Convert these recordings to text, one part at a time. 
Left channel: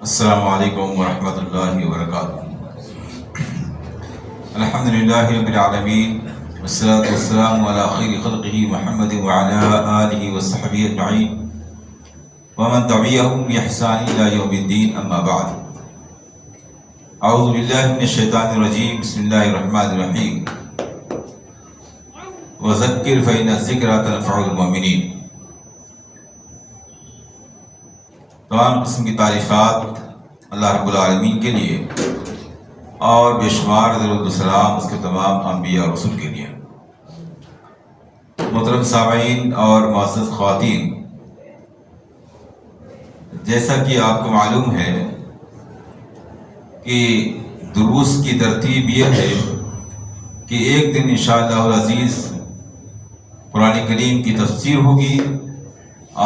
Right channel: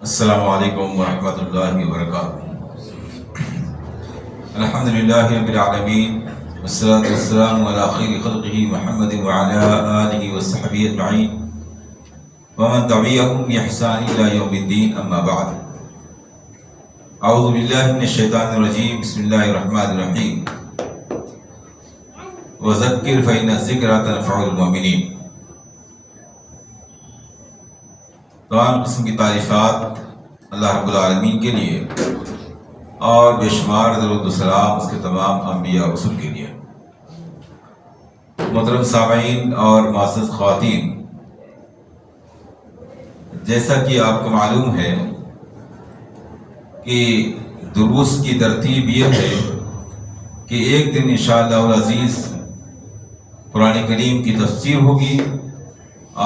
السلام علیکم ورحمۃ اللہ وبرکاتہ۔ الحمد للہ رب العالمین والصلاة والسلام علی خیر خلقہ محمد وعلی آلہ وصحبہ اجمعین ومن تبعہم بإحسان الی یوم الدین، اما بعد۔ اعوذ باللہ من الشیطان الرجیم، بسم اللہ الرحمن الرحیم۔ وذکر فإن الذکرى تنفع المؤمنین۔ تمام قسم کی تعریفات اللہ رب العالمین کے لیے اور بے شمار درود و سلام اس کے تمام انبیاء اور رسول کے لیے۔ محترم سامعین اور معزز خواتین، جیسا کہ آپ کو معلوم ہے کہ دروس کی ترتیب یہ ہے کہ ایک دن انشاءاللہ العزیز قرآن کریم کی تفسیر ہوگی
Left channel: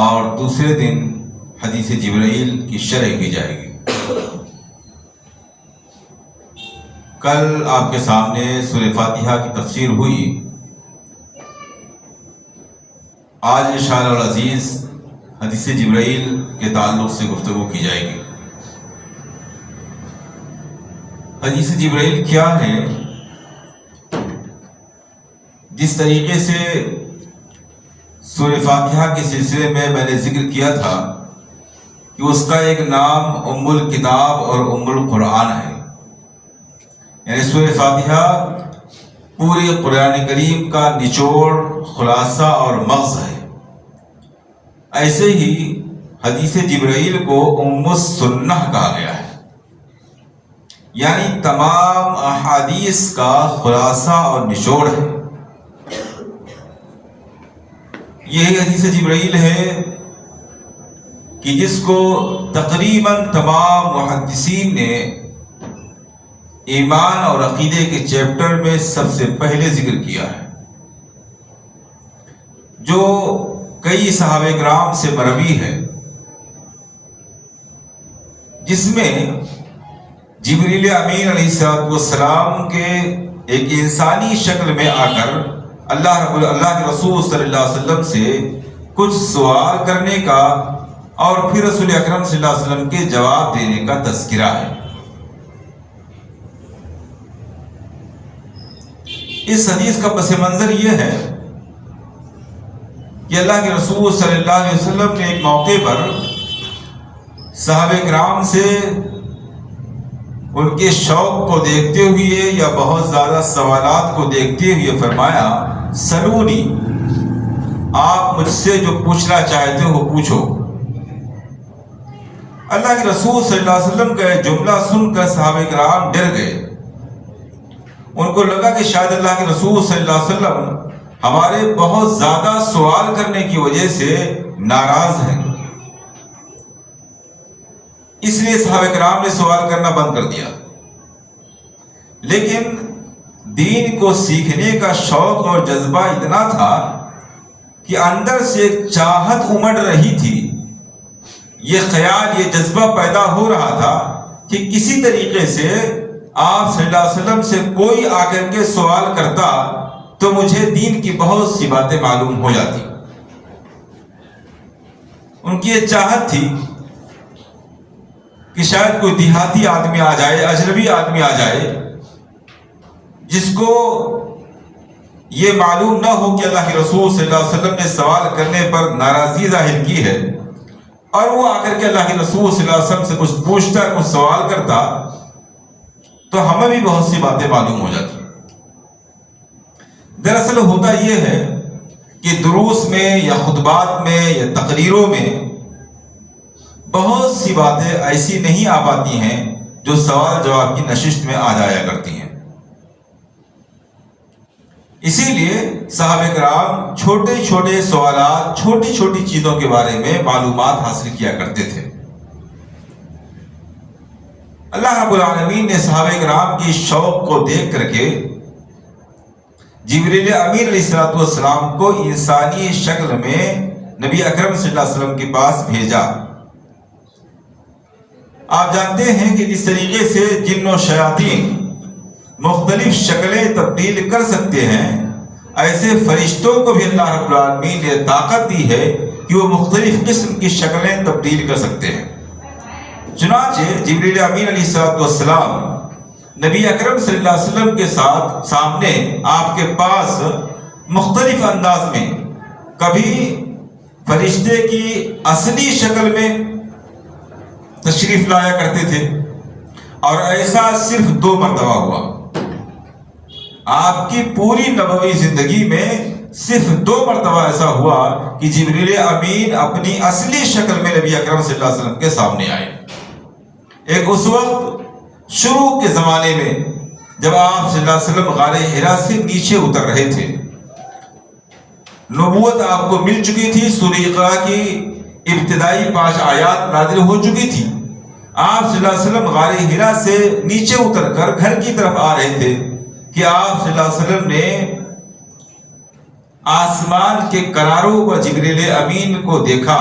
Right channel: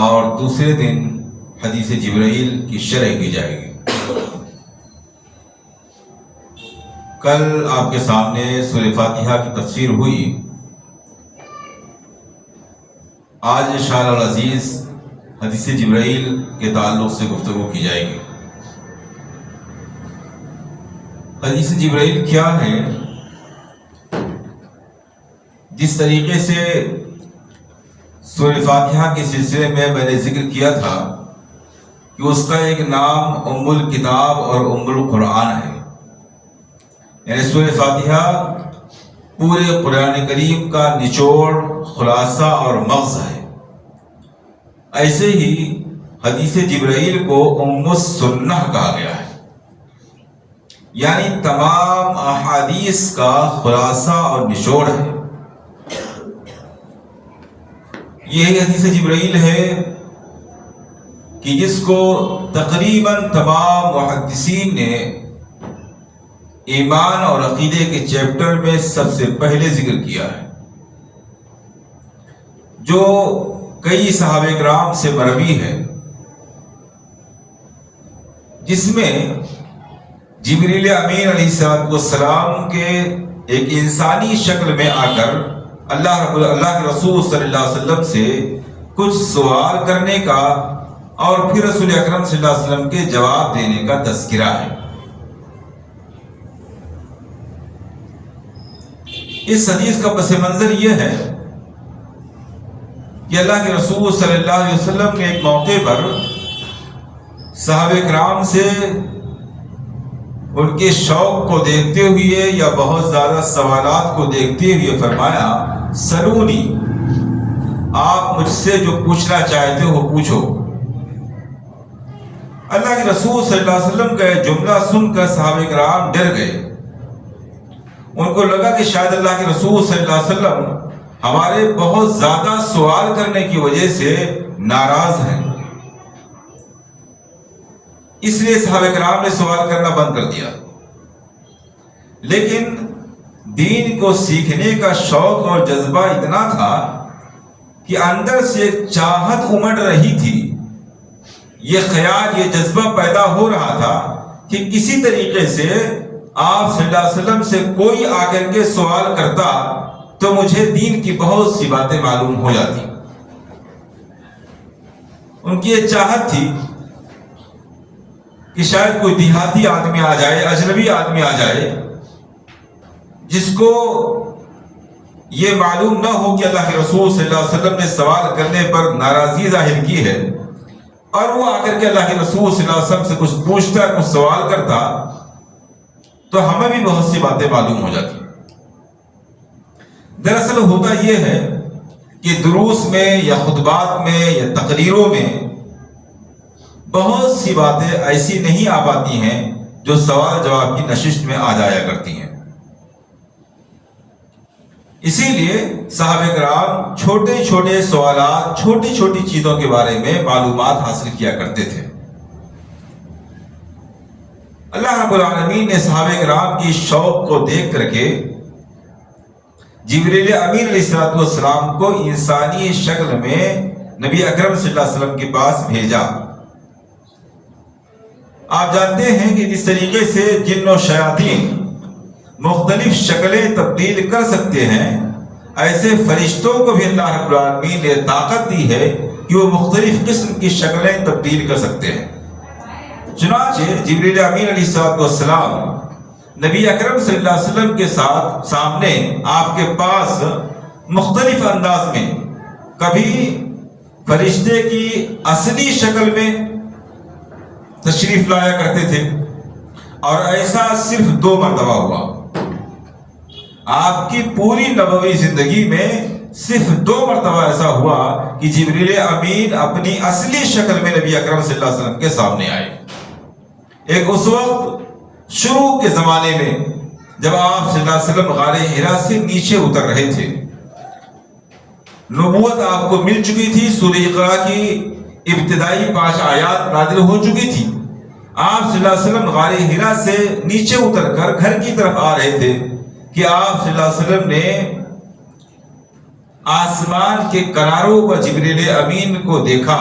اور دوسرے دن حدیث جبرائیل کی شرح کی جائے گی۔ کل آپ کے سامنے سورہ فاتحہ کی تفسیر ہوئی، آج انشاءاللہ العزیز حدیث جبرائیل کے تعلق سے گفتگو کی جائے گی۔ حدیث جبرائیل کیا ہے؟ جس طریقے سے سورہ فاتحہ کے سلسلے میں نے ذکر کیا تھا کہ اس کا ایک نام ام الکتاب اور ام القرآن ہے، یعنی سورہ فاتحہ پورے قرآن کریم کا نچوڑ، خلاصہ اور مغز ہے۔ ایسے ہی حدیث جبرائیل کو ام السنہ کہا گیا ہے، یعنی تمام احادیث کا خلاصہ اور نچوڑ ہے۔ یہی حدیث جبرائیل ہے کہ جس کو تقریباً تمام محدثین نے ایمان اور عقیدے کے چیپٹر میں سب سے پہلے ذکر کیا ہے، جو کئی صحابہ کرام سے مروی ہے، جس میں جبریل امین علیہ السلام کے ایک انسانی شکل میں آ کر اللہ کے رسول صلی اللہ علیہ وسلم سے کچھ سوال کرنے کا اور پھر رسول اکرم صلی اللہ علیہ وسلم کے جواب دینے کا تذکرہ ہے۔ اس حدیث کا پس منظر یہ ہے کہ اللہ کے رسول صلی اللہ علیہ وسلم نے ایک موقع پر صحابہ کرام سے ان کے شوق کو دیکھتے ہوئے یا بہت زیادہ سوالات کو دیکھتے ہوئے فرمایا، سلونی، آپ مجھ سے جو پوچھنا چاہتے ہو پوچھو۔ اللہ کے رسول صلی اللہ علیہ وسلم کا یہ جملہ سن کر صحابہ کرام ڈر گئے۔ ان کو لگا کہ شاید اللہ کے رسول صلی اللہ علیہ وسلم ہمارے بہت زیادہ سوال کرنے کی وجہ سے ناراض ہیں، اس لیے صحابہ کرام نے سوال کرنا بند کر دیا۔ لیکن دین کو سیکھنے کا شوق اور جذبہ اتنا تھا کہ اندر سے ایک چاہت امڑ رہی تھی، یہ خیال، یہ جذبہ پیدا ہو رہا تھا کہ کسی طریقے سے آپ صلی اللہ علیہ وسلم سے کوئی آ کر کے سوال کرتا تو مجھے دین کی بہت سی باتیں معلوم ہو جاتی۔ ان کی یہ چاہت تھی کہ شاید کوئی دیہاتی آدمی آ جائے، اجنبی آدمی آ جائے، جس کو یہ معلوم نہ ہو کہ اللہ کے رسول صلی اللہ علیہ وسلم نے سوال کرنے پر ناراضی ظاہر کی ہے، اور وہ آ کر کے اللہ کے رسول صلی اللہ علیہ وسلم سے کچھ پوچھتا، کچھ سوال کرتا تو ہمیں بھی بہت سی باتیں معلوم ہو جاتی۔ دراصل ہوتا یہ ہے کہ دروس میں یا خطبات میں یا تقریروں میں بہت سی باتیں ایسی نہیں آ پاتی ہیں جو سوال جواب کی نشست میں آ جایا کرتی ہیں۔ اسی لیے صحابہ کرام چھوٹے چھوٹے سوالات، چھوٹی چھوٹی چیزوں کے بارے میں معلومات حاصل کیا کرتے تھے۔ اللہ رب العالمین نے صحابہ کرام کی شوق کو دیکھ کر کے جبریل امین علیہ السلام کو انسانی شکل میں نبی اکرم صلی اللہ علیہ وسلم کے پاس بھیجا۔ آپ جانتے ہیں کہ جس طریقے سے جن و شیاطین مختلف شکلیں تبدیل کر سکتے ہیں، ایسے فرشتوں کو بھی اللہ رب العالمین نے طاقت دی ہے کہ وہ مختلف قسم کی شکلیں تبدیل کر سکتے ہیں۔ چنانچہ جبریل امین علیہ السلام نبی اکرم صلی اللہ علیہ وسلم کے ساتھ سامنے آپ کے پاس مختلف انداز میں، کبھی فرشتے کی اصلی شکل میں تشریف لایا کرتے تھے، اور ایسا صرف 2 مرتبہ ہوا۔ آپ کی پوری نبوی زندگی میں صرف 2 مرتبہ ایسا ہوا کہ جبریل امین اپنی اصلی شکل میں نبی اکرم صلی اللہ علیہ وسلم کے سامنے آئے۔ ایک اس وقت شروع کے زمانے میں جب آپ صلی اللہ علیہ وسلم غار حرا سے نیچے اتر رہے تھے، نبوت آپ کو مل چکی تھی، سورہ اقرا کی ابتدائی 5 آیات نازل ہو چکی تھی۔ آپ صلی اللہ علیہ وسلم غار حرا سے نیچے اتر کر گھر کی طرف آ رہے تھے کہ آپ صلی اللہ علیہ وسلم نے آسمان کے کناروں پر جبریل امین کو دیکھا،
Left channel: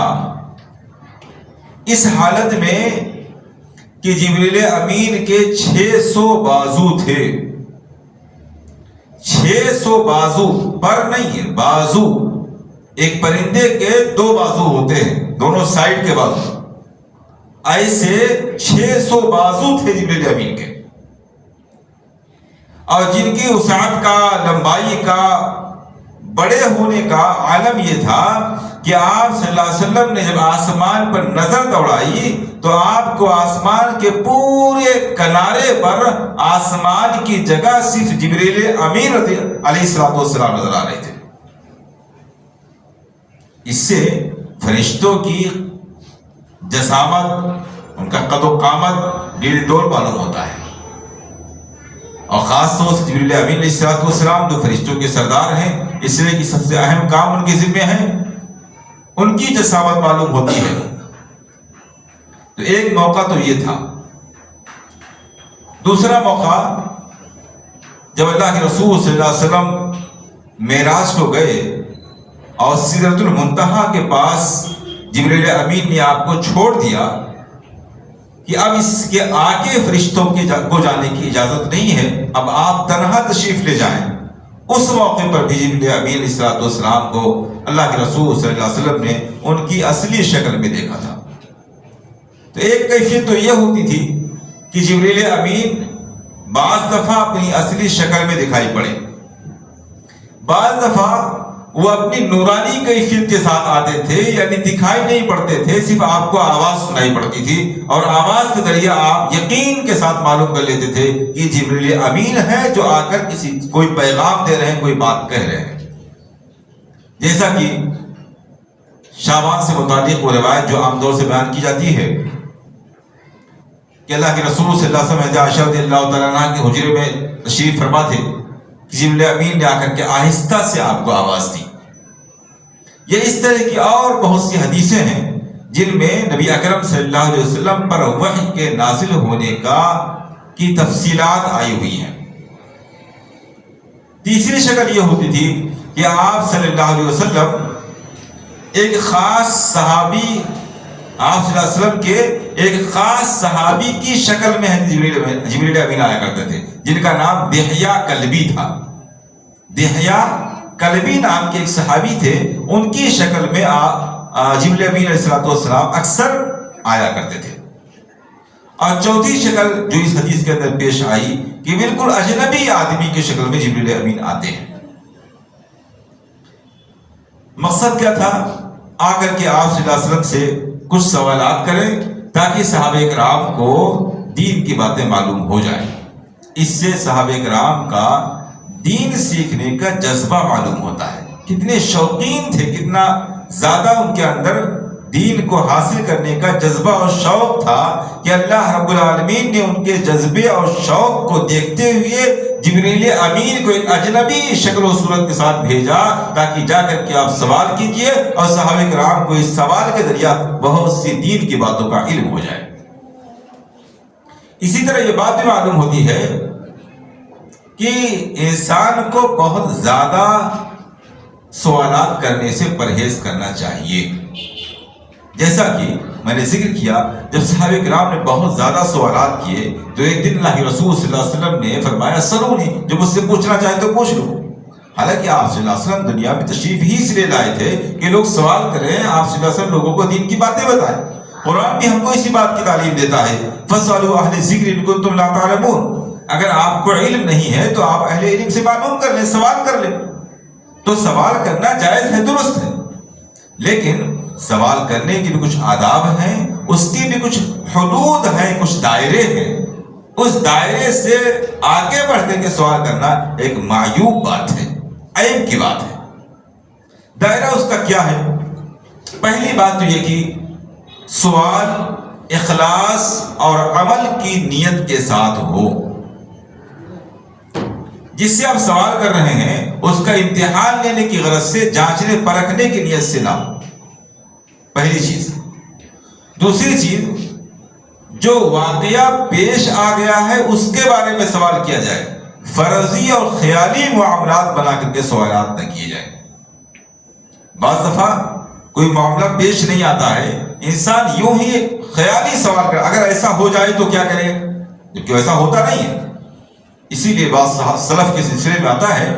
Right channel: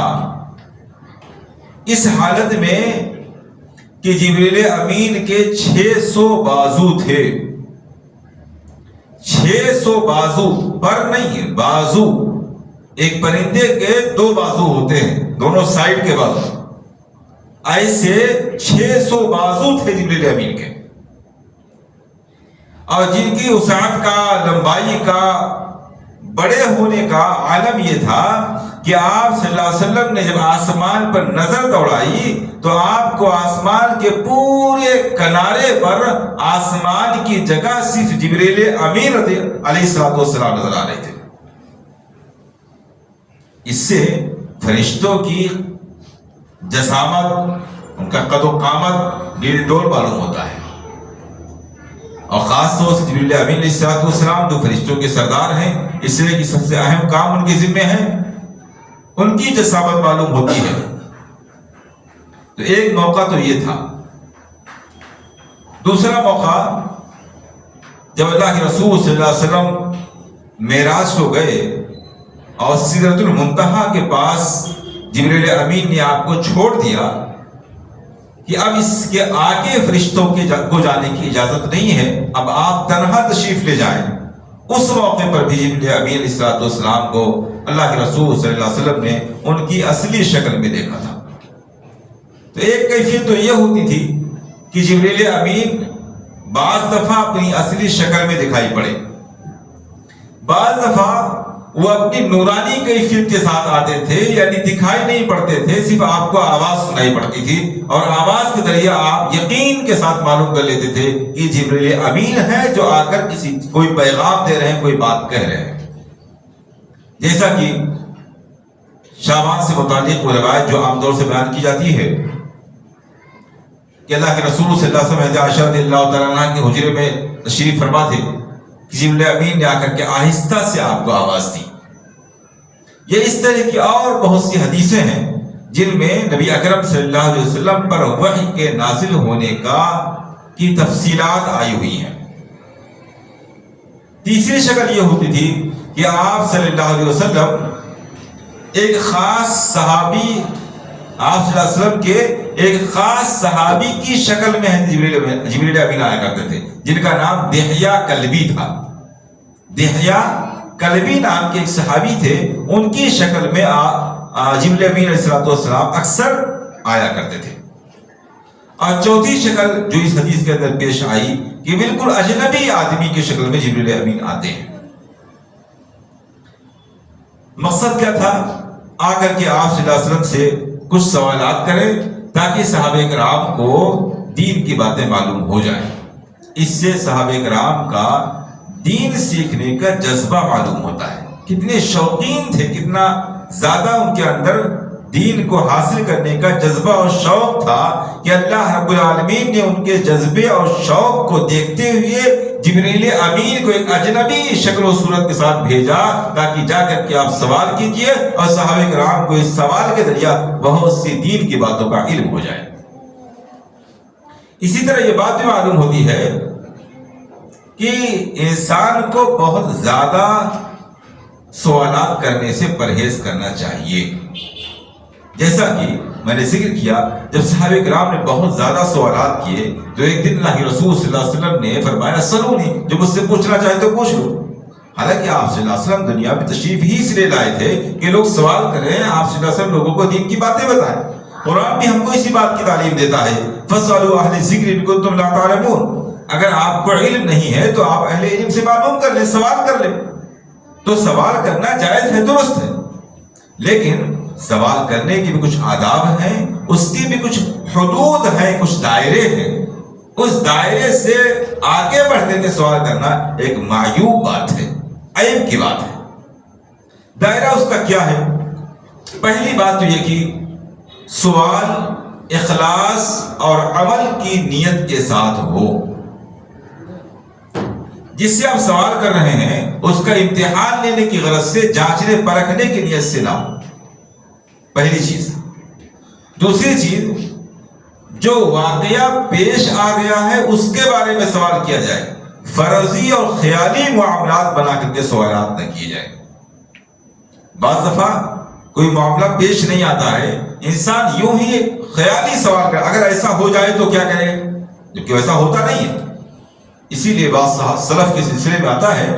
اس حالت میں کہ جبریل امین کے 600 بازو تھے۔ 600 بازو، پر نہیں ہے، بازو۔ ایک پرندے کے 2 بازو ہوتے ہیں، دونوں سائڈ کے بازو، ایسے 600 بازو تھے جبریل امین کے، اور جن کی وسعت کا، لمبائی کا، بڑے ہونے کا عالم یہ تھا کہ آپ صلی اللہ علیہ وسلم نے جب آسمان پر نظر دوڑائی تو آپ کو آسمان کے پورے کنارے پر آسمان کی جگہ صرف جبریل امین علیہ السلام نظر آ رہے تھے۔ اس سے فرشتوں کی جسامت، ان کا قد و قامت ڈیل ڈول معلوم ہوتا ہے، اور خاص طور سے جبریل امین علیہ السلام جو فرشتوں کے سردار ہیں، اس لیے کہ سب سے اہم کام ان کے ذمہ ہیں، ان کی جسامت معلوم ہوتی ہے۔ تو ایک موقع تو یہ تھا۔ دوسرا موقع جب اللہ کے رسول صلی اللہ علیہ وسلم معراج کو گئے اور سدرۃ المنتہا کے پاس جبریل امین نے آپ کو چھوڑ دیا کہ اب اس کے آگے فرشتوں کو جانے کی اجازت نہیں ہے، اب آپ تنہا تشریف لے جائیں۔ اس موقع پر بھی جبریل امین علیہ السلام کو اللہ کے رسول صلی اللہ علیہ وسلم نے ان کی اصلی شکل میں دیکھا تھا۔ تو ایک کیفیت تو یہ ہوتی تھی کہ جبریل امین بعض دفعہ اپنی اصلی شکل میں دکھائی پڑے، بعض دفعہ وہ اپنی نورانی کیفیت کے ساتھ آتے تھے، یعنی دکھائی نہیں پڑتے تھے، صرف آپ کو آواز سنائی پڑتی تھی، اور آواز کے ذریعے آپ یقین کے ساتھ معلوم کر لیتے تھے کہ جبریل امین ہے جو آ کر کوئی پیغام دے رہے ہیں، کوئی بات کہہ رہے ہیں۔ جیسا کہ شعبان سے متعلق وہ روایت جو عام طور سے بیان کی جاتی ہے کہ اللہ کے رسول صلی اللہ علیہ وسلم عائشہ رضی اللہ تعالیٰ عنہ کے حجرے میں تشریف فرما تھے، جبریل امین نے آ کر کے آہستہ سے آپ کو آواز دی۔ یہ اس طرح کی اور بہت سی حدیثیں ہیں جن میں نبی اکرم صلی اللہ علیہ وسلم پر وحی کے نازل ہونے کی تفصیلات آئی ہوئی ہیں۔ تیسری شکل یہ ہوتی تھی کہ آپ صلی اللہ علیہ وسلم ایک خاص صحابی، آپ صلی اللہ علیہ وسلم کے ایک خاص صحابی کی شکل میں جبریل امین آیا کرتے تھے، جن کا نام دحیہ کلبی تھا۔ دحیہ کلبی نام کے ایک صحابی تھے، ان کی شکل میں جبریل امین علیہ السلام اکثر آیا کرتے تھے۔ اور چوتھی شکل جو اس حدیث کے اندر پیش آئی کہ بالکل اجنبی آدمی کی شکل میں جبریل امین آتے ہیں۔ مقصد کیا تھا؟ آ کر کے آپ صلی اللہ علیہ وسلم سے کچھ سوالات کریں تاکہ صحابہ کرام کو دین کی باتیں معلوم ہو جائیں۔ اس سے صحابہ کرام کا دین سیکھنے کا جذبہ معلوم ہوتا ہے، کتنے شوقین تھے، کتنا زیادہ ان کے اندر دین کو حاصل کرنے کا جذبہ اور شوق تھا کہ اللہ رب العالمین نے ان کے جذبے اور شوق کو دیکھتے ہوئے جبریل امین کو ایک اجنبی شکل و صورت کے ساتھ بھیجا تاکہ جا کر کے آپ سوال کیجئے اور صحابہ کرام کو اس سوال کے ذریعہ بہت سی دین کی باتوں کا علم ہو جائے۔ اسی طرح یہ بات بھی معلوم ہوتی ہے کہ انسان کو بہت زیادہ سوالات کرنے سے پرہیز کرنا چاہیے۔ جیسا کہ میں نے ذکر کیا، جب صحابہ کرام نے بہت زیادہ سوالات کیے تو ایک دن اللہ کے رسول صلی اللہ علیہ وسلم نے فرمایا سلونی، جو مجھ سے پوچھنا چاہے تو پوچھ لو۔ حالانکہ آپ صلی اللہ علیہ وسلم دنیا میں تشریف ہی اس لیے لائے تھے کہ لوگ سوال کریں، آپ صلی اللہ علیہ وسلم لوگوں کو دین کی باتیں بتائیں۔ قرآن بھی ہم کو اسی بات کی تعلیم دیتا ہے، فَاسْأَلُوا أَهْلَ الذِّكْرِ إِن كُنتُمْ لَا تَعْلَمُونَ۔ اگر آپ کو علم نہیں ہے تو آپ اہل علم سے معلوم کر لیں، سوال کر لیں۔ تو سوال کرنا جائز ہے، درست ہے، لیکن سوال کرنے کے بھی کچھ آداب ہیں، اس کی بھی کچھ حدود ہیں، کچھ دائرے ہیں۔ اس دائرے سے آگے بڑھ کر کے سوال کرنا ایک معیوب بات ہے، عیب کی بات ہے۔ دائرہ اس کا کیا ہے؟ پہلی بات تو یہ کہ سوال اخلاص اور عمل کی نیت کے ساتھ ہو۔ جس سے آپ سوال کر رہے ہیں اس کا امتحان لینے کی غرض سے، جانچنے پرکھنے کی نیت سے نہ، پہلی چیز۔ دوسری چیز، جو واقعہ پیش آ گیا ہے اس کے بارے میں سوال کیا جائے، فرضی اور خیالی معاملات بنا کر کے سوالات نہ کیے جائیں۔ بعض دفعہ کوئی معاملہ پیش نہیں آتا ہے، انسان یوں ہی خیالی سوال کرے، اگر ایسا ہو جائے تو کیا کرے، جبکہ ایسا ہوتا نہیں ہے۔ اسی لیے بعض سلف کے سلسلے میں آتا ہے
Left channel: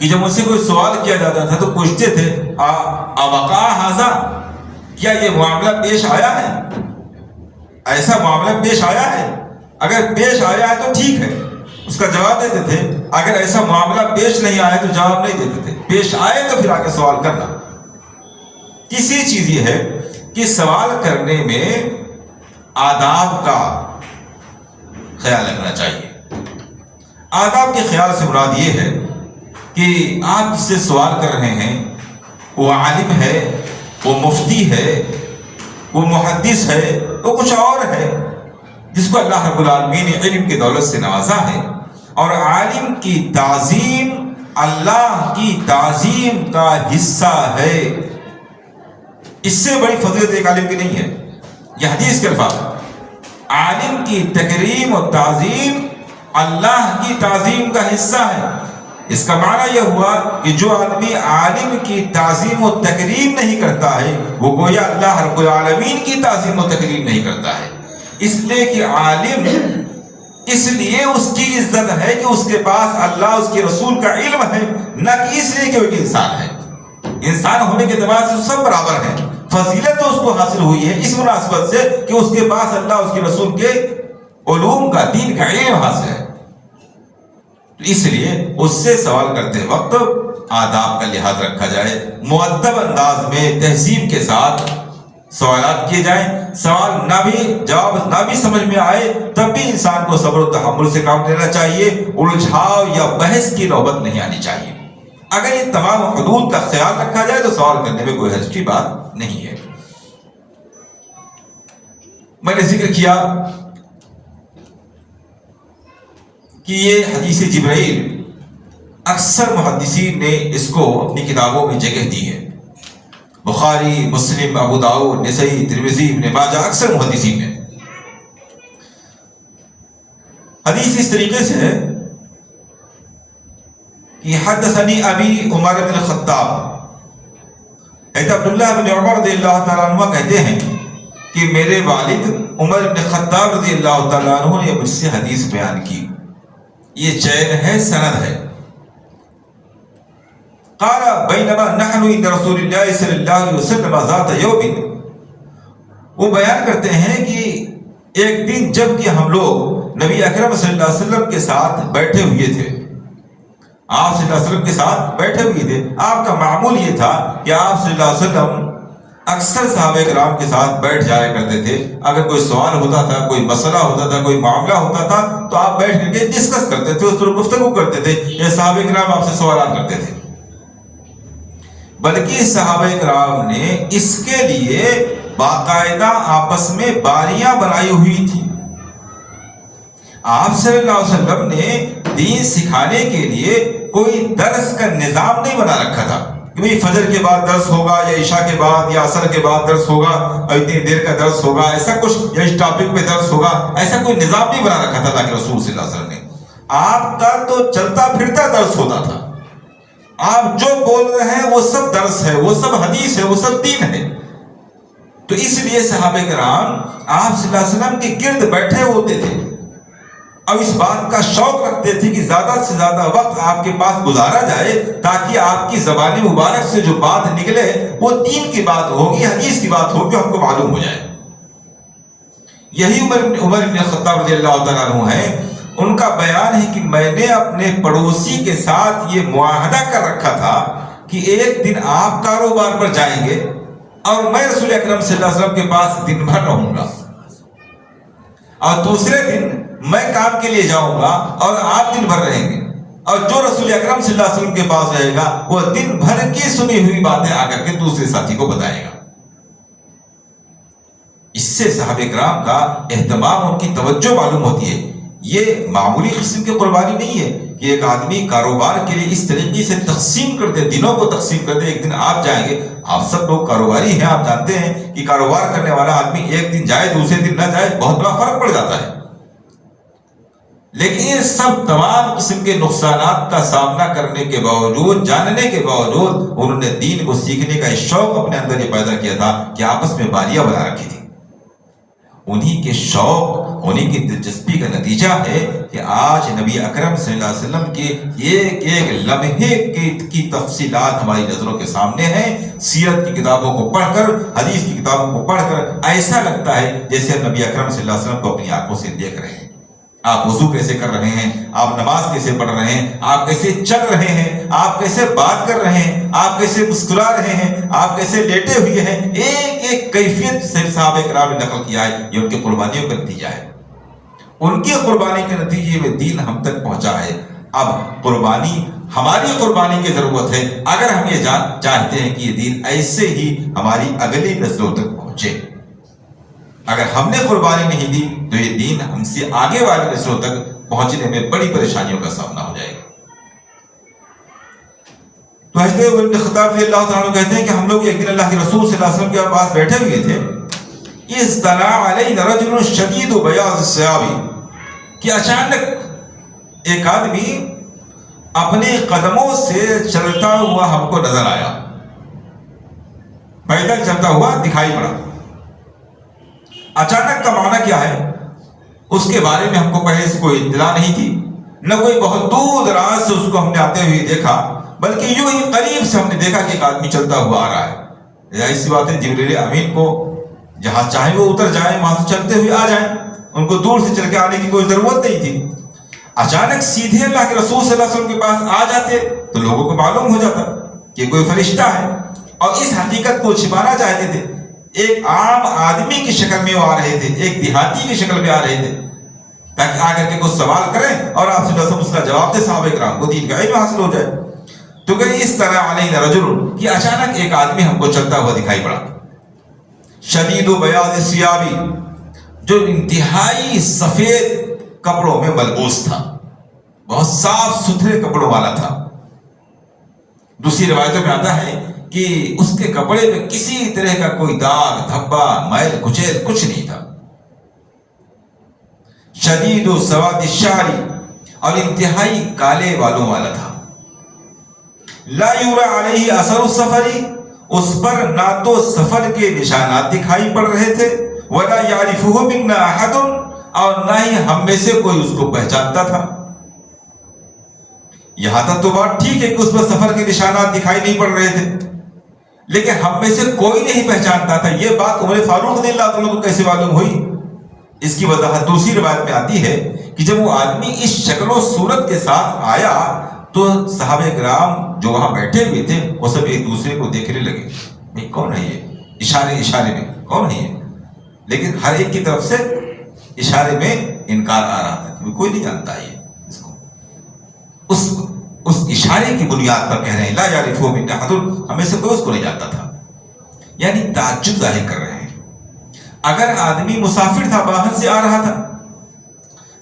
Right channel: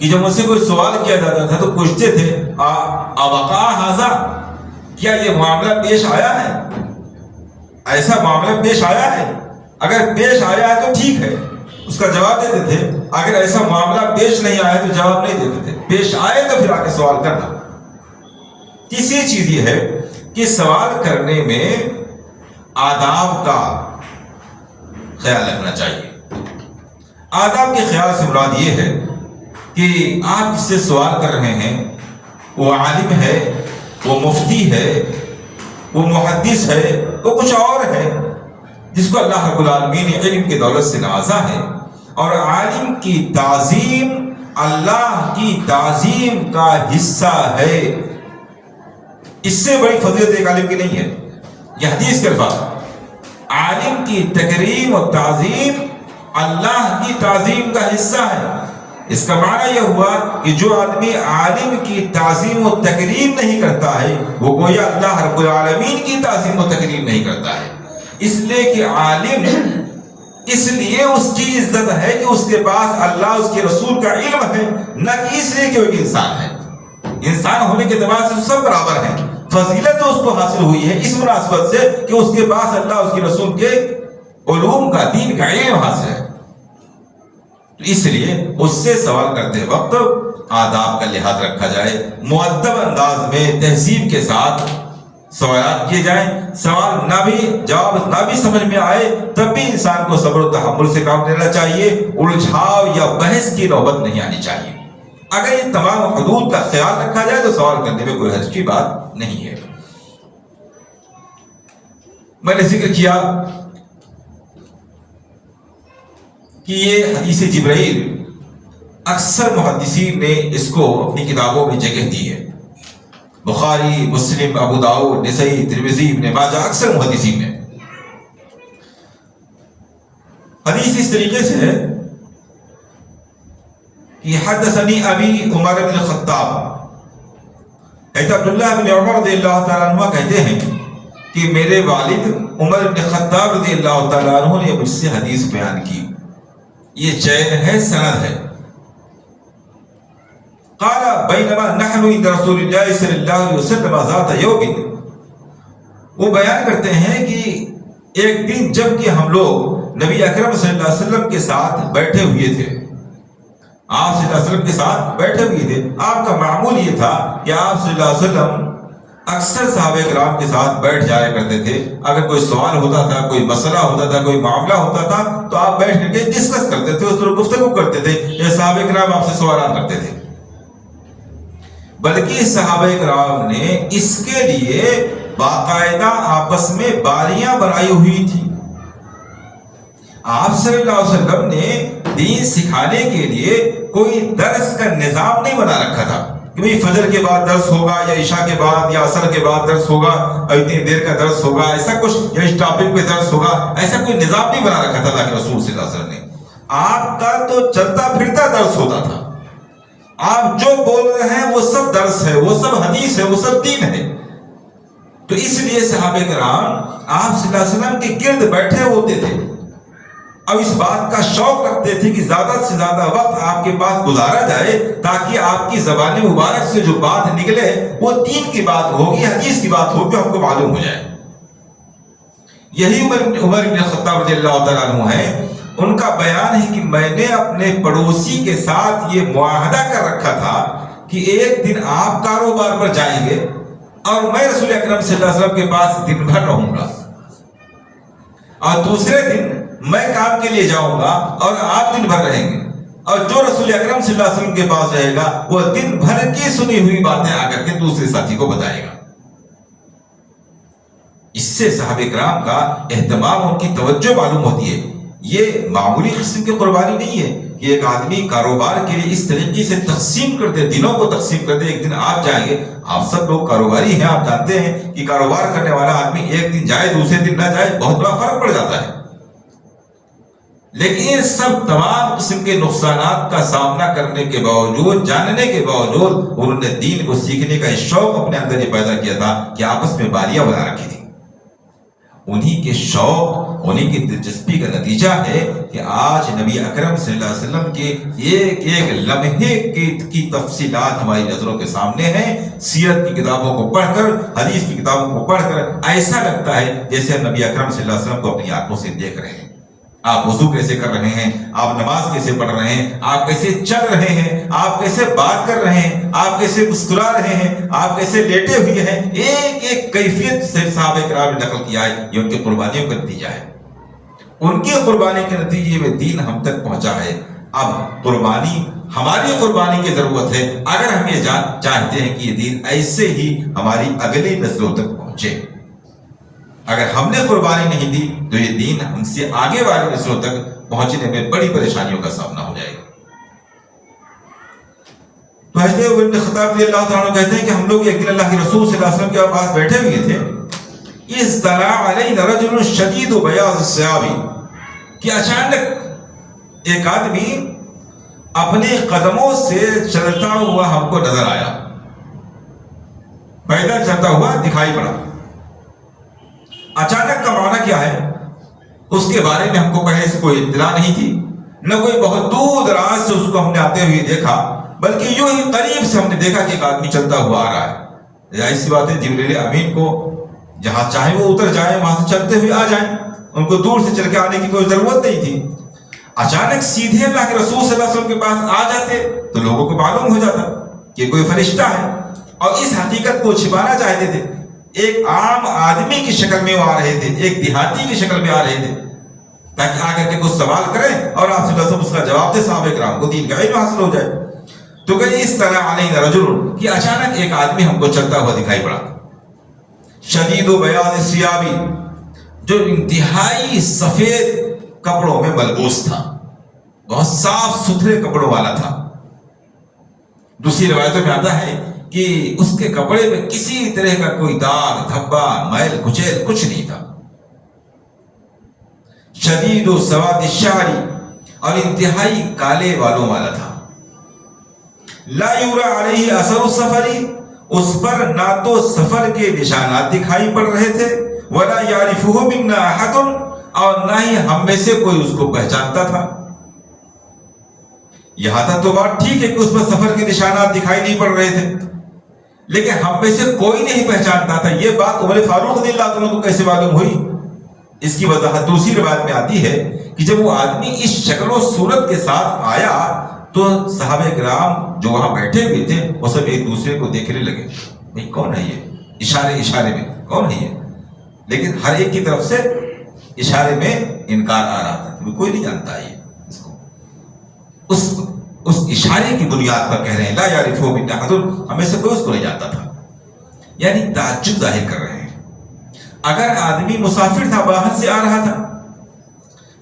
کہ جب ان سے کوئی سوال کیا جاتا تھا تو پوچھتے تھے اوقع ھذا، کیا یہ معاملہ پیش آیا ہے، ایسا معاملہ پیش آیا ہے؟ اگر پیش آیا ہے تو ٹھیک ہے، اس کا جواب دیتے تھے۔ اگر ایسا معاملہ پیش نہیں آیا تو جواب نہیں دیتے تھے، پیش آئے تو پھر آ کے سوال کرنا۔ تیسری چیز یہ ہے کہ سوال کرنے میں آداب کا خیال رکھنا چاہیے۔ آداب کے خیال سے مراد یہ ہے کہ آپ جس سے سوال کر رہے ہیں وہ عالم ہے، وہ مفتی ہے، وہ محدث ہے، وہ کچھ اور ہے جس کو اللہ رب العالمین نے علم کی دولت سے نوازا ہے، اور عالم کی تعظیم اللہ کی تعظیم کا حصہ ہے۔ اس سے بڑی فضیلت ایک عالم کی نہیں ہے۔ یہ حدیث کے الفاظ، عالم کی تکریم اور تعظیم اللہ کی تعظیم کا حصہ ہے۔ اس کا معنی یہ ہوا کہ جو آدمی عالم کی تعظیم و تکریم نہیں کرتا ہے وہ گویا اللہ رب العالمین کی تعظیم و تکریم نہیں کرتا ہے۔ اس لیے کہ عالم اس لیے اس کی عزت ہے کہ اس کے پاس اللہ اس کے رسول کا علم ہے، نہ کہ اس لیے کہ وہ ایک انسان ہے۔ انسان ہونے کے اعتبار سے سب برابر ہیں، فضیلت تو اس کو حاصل ہوئی ہے اس مناسبت سے کہ اس کے پاس اللہ اس کے رسول کے علوم کا، دین کا علم حاصل ہے۔ اس لیے اس سے سوال کرتے وقت آداب کا لحاظ رکھا جائے، مؤدب انداز میں تہذیب کے ساتھ سوالات کیے جائیں۔ سوال نہ بھی جواب نہ بھی سمجھ میں آئے تب بھی انسان کو صبر و تحمل سے کام لینا چاہیے، الجھاؤ یا بحث کی نوبت نہیں آنی چاہیے۔ اگر ان تمام حدود کا خیال رکھا جائے تو سوال کرنے میں کوئی حرج کی بات نہیں ہے۔ میں نے ذکر کیا کہ یہ حدیث جبرائیل اکثر محدثین نے اس کو اپنی کتابوں میں جگہ دی ہے۔ بخاری، مسلم، ابو داؤد، نسائی، ترمذی، ابن ماجہ، اکثر محدثین نے حدیث اس طریقے سے ہے کہ حدثنی ابی عمر بن الخطاب، عبداللہ بن عمر رضی اللہ تعالیٰ عنہ کہتے ہیں کہ میرے والد عمر بن خطاب رضی اللہ تعالیٰ عنہ نے مجھ سے حدیث بیان کی۔ یہ چین ہے، سند ہے۔ قال بینما نحن عند رسول اللہ صلی اللہ علیہ وسلم ذات یوم، وہ بیان کرتے ہیں کہ ایک دن جب کہ ہم لوگ نبی اکرم صلی اللہ علیہ وسلم کے ساتھ بیٹھے ہوئے تھے، آپ صلی اللہ علیہ وسلم کے ساتھ بیٹھے ہوئے تھے۔ آپ کا معمول یہ تھا کہ آپ صلی اللہ علیہ وسلم اکثر صحابہ کرام کے ساتھ بیٹھ جایا کرتے تھے۔ اگر کوئی سوال ہوتا تھا، کوئی مسئلہ ہوتا تھا، کوئی معاملہ ہوتا تھا تو آپ بیٹھ کر کے ڈسکس کرتے تھے، اس پر گفتگو کرتے تھے، یا صحابہ کرام آپ سے سوالات کرتے تھے۔ بلکہ صحابہ کرام نے اس کے لیے باقاعدہ آپس میں باریاں بنائی ہوئی تھی۔ آپ صلی اللہ علیہ وسلم نے دین سکھانے کے لیے کوئی درس کا نظام نہیں بنا رکھا تھا کہ بھئی فجر کے بعد درس ہوگا، یا عشاء کے بعد یا عصر کے بعد درس ہوگا، اور اتنی دیر کا درس ہوگا، ایسا کچھ، یا اس ٹاپک پہ درس ہوگا، ایسا کوئی نظام نہیں بنا رکھا تھا اللہ کے رسول صلی اللہ علیہ وسلم نے۔ آپ کا تو چلتا پھرتا درس ہوتا تھا، آپ جو بول رہے ہیں وہ سب درس ہے، وہ سب حدیث ہے، وہ سب دین ہے۔ تو اس لیے صحابہ کرام آپ صلی اللہ علیہ وسلم کے گرد بیٹھے ہوتے تھے، اور اس بات کا شوق رکھتے تھے کہ زیادہ سے زیادہ وقت آپ کے پاس گزارا جائے تاکہ آپ کی زبان مبارک سے جو بات نکلے وہ دین کی بات ہوگی، حدیث کی بات ہوگی، ہم کو معلوم ہو جائے۔ یہی عمر بن خطاب رضی اللہ تعالیٰ عنہ ہے، ان کا بیان ہے کہ میں نے اپنے پڑوسی کے ساتھ یہ معاہدہ کر رکھا تھا کہ ایک دن آپ کاروبار پر جائیں گے اور میں رسول اکرم صلی اللہ علیہ وسلم کے پاس دن بھر رہوں گا، اور دوسرے دن میں کام کے لیے جاؤں گا اور آپ دن بھر رہیں گے، اور جو رسول اکرم صلی اللہ علیہ وسلم کے پاس رہے گا وہ دن بھر کی سنی ہوئی باتیں آ کر کے دوسرے ساتھی کو بتائے گا۔ اس سے صحابہ کرام کا اہتمام، ان کی توجہ معلوم ہوتی ہے۔ یہ معمولی قسم کی قربانی نہیں ہے کہ ایک آدمی کاروبار کے لیے اس طریقے سے تقسیم کر دے، دنوں کو تقسیم کر دے۔ ایک دن آپ جائیں گے، آپ سب لوگ کاروباری ہیں، آپ جانتے ہیں کہ کاروبار کرنے والا آدمی ایک دن جائے دوسرے دن نہ جائے بہت بڑا فرق پڑ جاتا ہے، لیکن یہ سب تمام قسم کے نقصانات کا سامنا کرنے کے باوجود، جاننے کے باوجود، انہوں نے دین کو سیکھنے کا شوق اپنے اندر یہ پیدا کیا تھا کہ آپس میں باریاں بنا رکھی تھی۔ انہی کے شوق، انہی کی دلچسپی کا نتیجہ ہے کہ آج نبی اکرم صلی اللہ علیہ وسلم کے ایک ایک لمحے کی تفصیلات ہماری نظروں کے سامنے ہیں۔ سیرت کی کتابوں کو پڑھ کر، حدیث کی کتابوں کو پڑھ کر ایسا لگتا ہے جیسے ہم نبی اکرم صلی اللہ علیہ وسلم کو اپنی آنکھوں سے دیکھ رہے ہیں۔ آپ وضو کیسے کر رہے ہیں، آپ نماز کیسے پڑھ رہے ہیں، آپ کیسے چل رہے ہیں، آپ کیسے بات کر رہے ہیں، آپ کیسے مسکرا رہے ہیں، آپ کیسے لیٹے ہوئے ہیں، ایک ایک کیفیت سے صحابہ کرام نے نقل کیا ہے۔ یہ ان کی قربانیوں کا نتیجہ ہے، ان کی قربانی کے نتیجے میں دین ہم تک پہنچا ہے۔ اب قربانی، ہماری قربانی کی ضرورت ہے اگر ہم یہ چاہتے ہیں کہ یہ دین ایسے ہی ہماری اگلی نسلوں تک پہنچے۔ اگر ہم نے قربانی نہیں دی تو یہ دین ہم سے آگے والی نسلوں تک پہنچنے میں بڑی پریشانیوں کا سامنا ہو جائے گا۔ تو حضرت عمر بن خطاب رضی اللہ تعالیٰ عنہ کہتے ہیں کہ ہم لوگ ایک دن اللہ کے رسول صلی اللہ علیہ وسلم کے پاس بیٹھے ہوئے تھے، اطلع علینا رجل شدید بیاض الثیاب، کہ اچانک ایک آدمی اپنے قدموں سے چلتا ہوا ہم کو نظر آیا، پیدل چلتا ہوا دکھائی پڑا۔ اچانک کا معنی کیا ہے؟ اس کے بارے میں ہم کو پہلے سے کوئی اطلاع نہیں تھی، نہ کوئی بہت دور دراز سے اس کو ہم نے آتے ہوئے دیکھا، بلکہ یوں ہی قریب سے ہم نے دیکھا کہ ایک آدمی چلتا ہوا آ رہا ہے۔ ظاہر سی بات ہے جبریل امین کو جہاں چاہے وہ اتر جائیں، وہاں سے چلتے ہوئے آ جائیں، ان کو دور سے چل کے آنے کی کوئی ضرورت نہیں تھی۔ اچانک سیدھے اللہ کے رسول صلی اللہ علیہ وسلم کے پاس آ جاتے تو لوگوں کو معلوم ہو جاتا کہ کوئی فرشتہ ہے، اور اس حقیقت کو چھپانا چاہتے تھے۔ ایک عام آدمی کی شکل میں آ رہے تھے، ایک دیہاتی کی شکل میں آ رہے تھے، تاکہ آ کر کے کچھ سوال کریں اور آپ صلی اللہ علیہ وسلم اس کا جواب دے، صحابہ کرام کو دین کا علم حاصل ہو جائے۔ تو کہ اس طرح علینا رجل، کہ اچانک ایک آدمی ہم کو چلتا ہوا دکھائی پڑا، شدید بیاض الثیاب، جو انتہائی سفید کپڑوں میں ملبوس تھا، بہت صاف ستھرے کپڑوں والا تھا۔ دوسری روایتوں میں آتا ہے کہ اس کے کپڑے میں کسی طرح کا کوئی داغ دھبا میل کچیل کچھ نہیں تھا۔ شدید سواد الشعر، اور انتہائی کالے بالوں والا تھا۔ لا یرا علیہ اثر السفر، اس پر نہ تو سفر کے نشانات دکھائی پڑ رہے تھے، ولا یعرفہ منا احد، اور نہ ہی ہم میں سے کوئی اس کو پہچانتا تھا۔ یہاں تک تو بات ٹھیک ہے کہ اس پر سفر کے نشانات دکھائی نہیں پڑ رہے تھے، لیکن ہم میں سے کوئی نہیں پہچانتا تھا۔ یہ بات عمر فاروق رضی اللہ عنہ کو کیسے معلوم ہوئی؟ اس کی وضاحت دوسری روایت میں آتی ہے کہ جب وہ آدمی اس شکل و صورت کے ساتھ آیا تو صحابہ کرام جو وہاں بیٹھے ہوئے تھے وہ سب ایک دوسرے کو دیکھنے لگے، بھئی کون ہے یہ؟ اشارے میں کون ہے یہ؟ لیکن ہر ایک کی طرف سے اشارے میں انکار آ رہا تھا کہ کوئی نہیں جانتا یہ اس کو۔ اس اشارے کی بنیاد پر کہہ رہے ہیں لا یعرفہ منا احد، ہمیں سے کوئی اس کو نہیں جانتا تھا، یعنی تعجب ظاہر کر رہے ہیں۔ اگر آدمی مسافر تھا، باہر سے آ رہا تھا،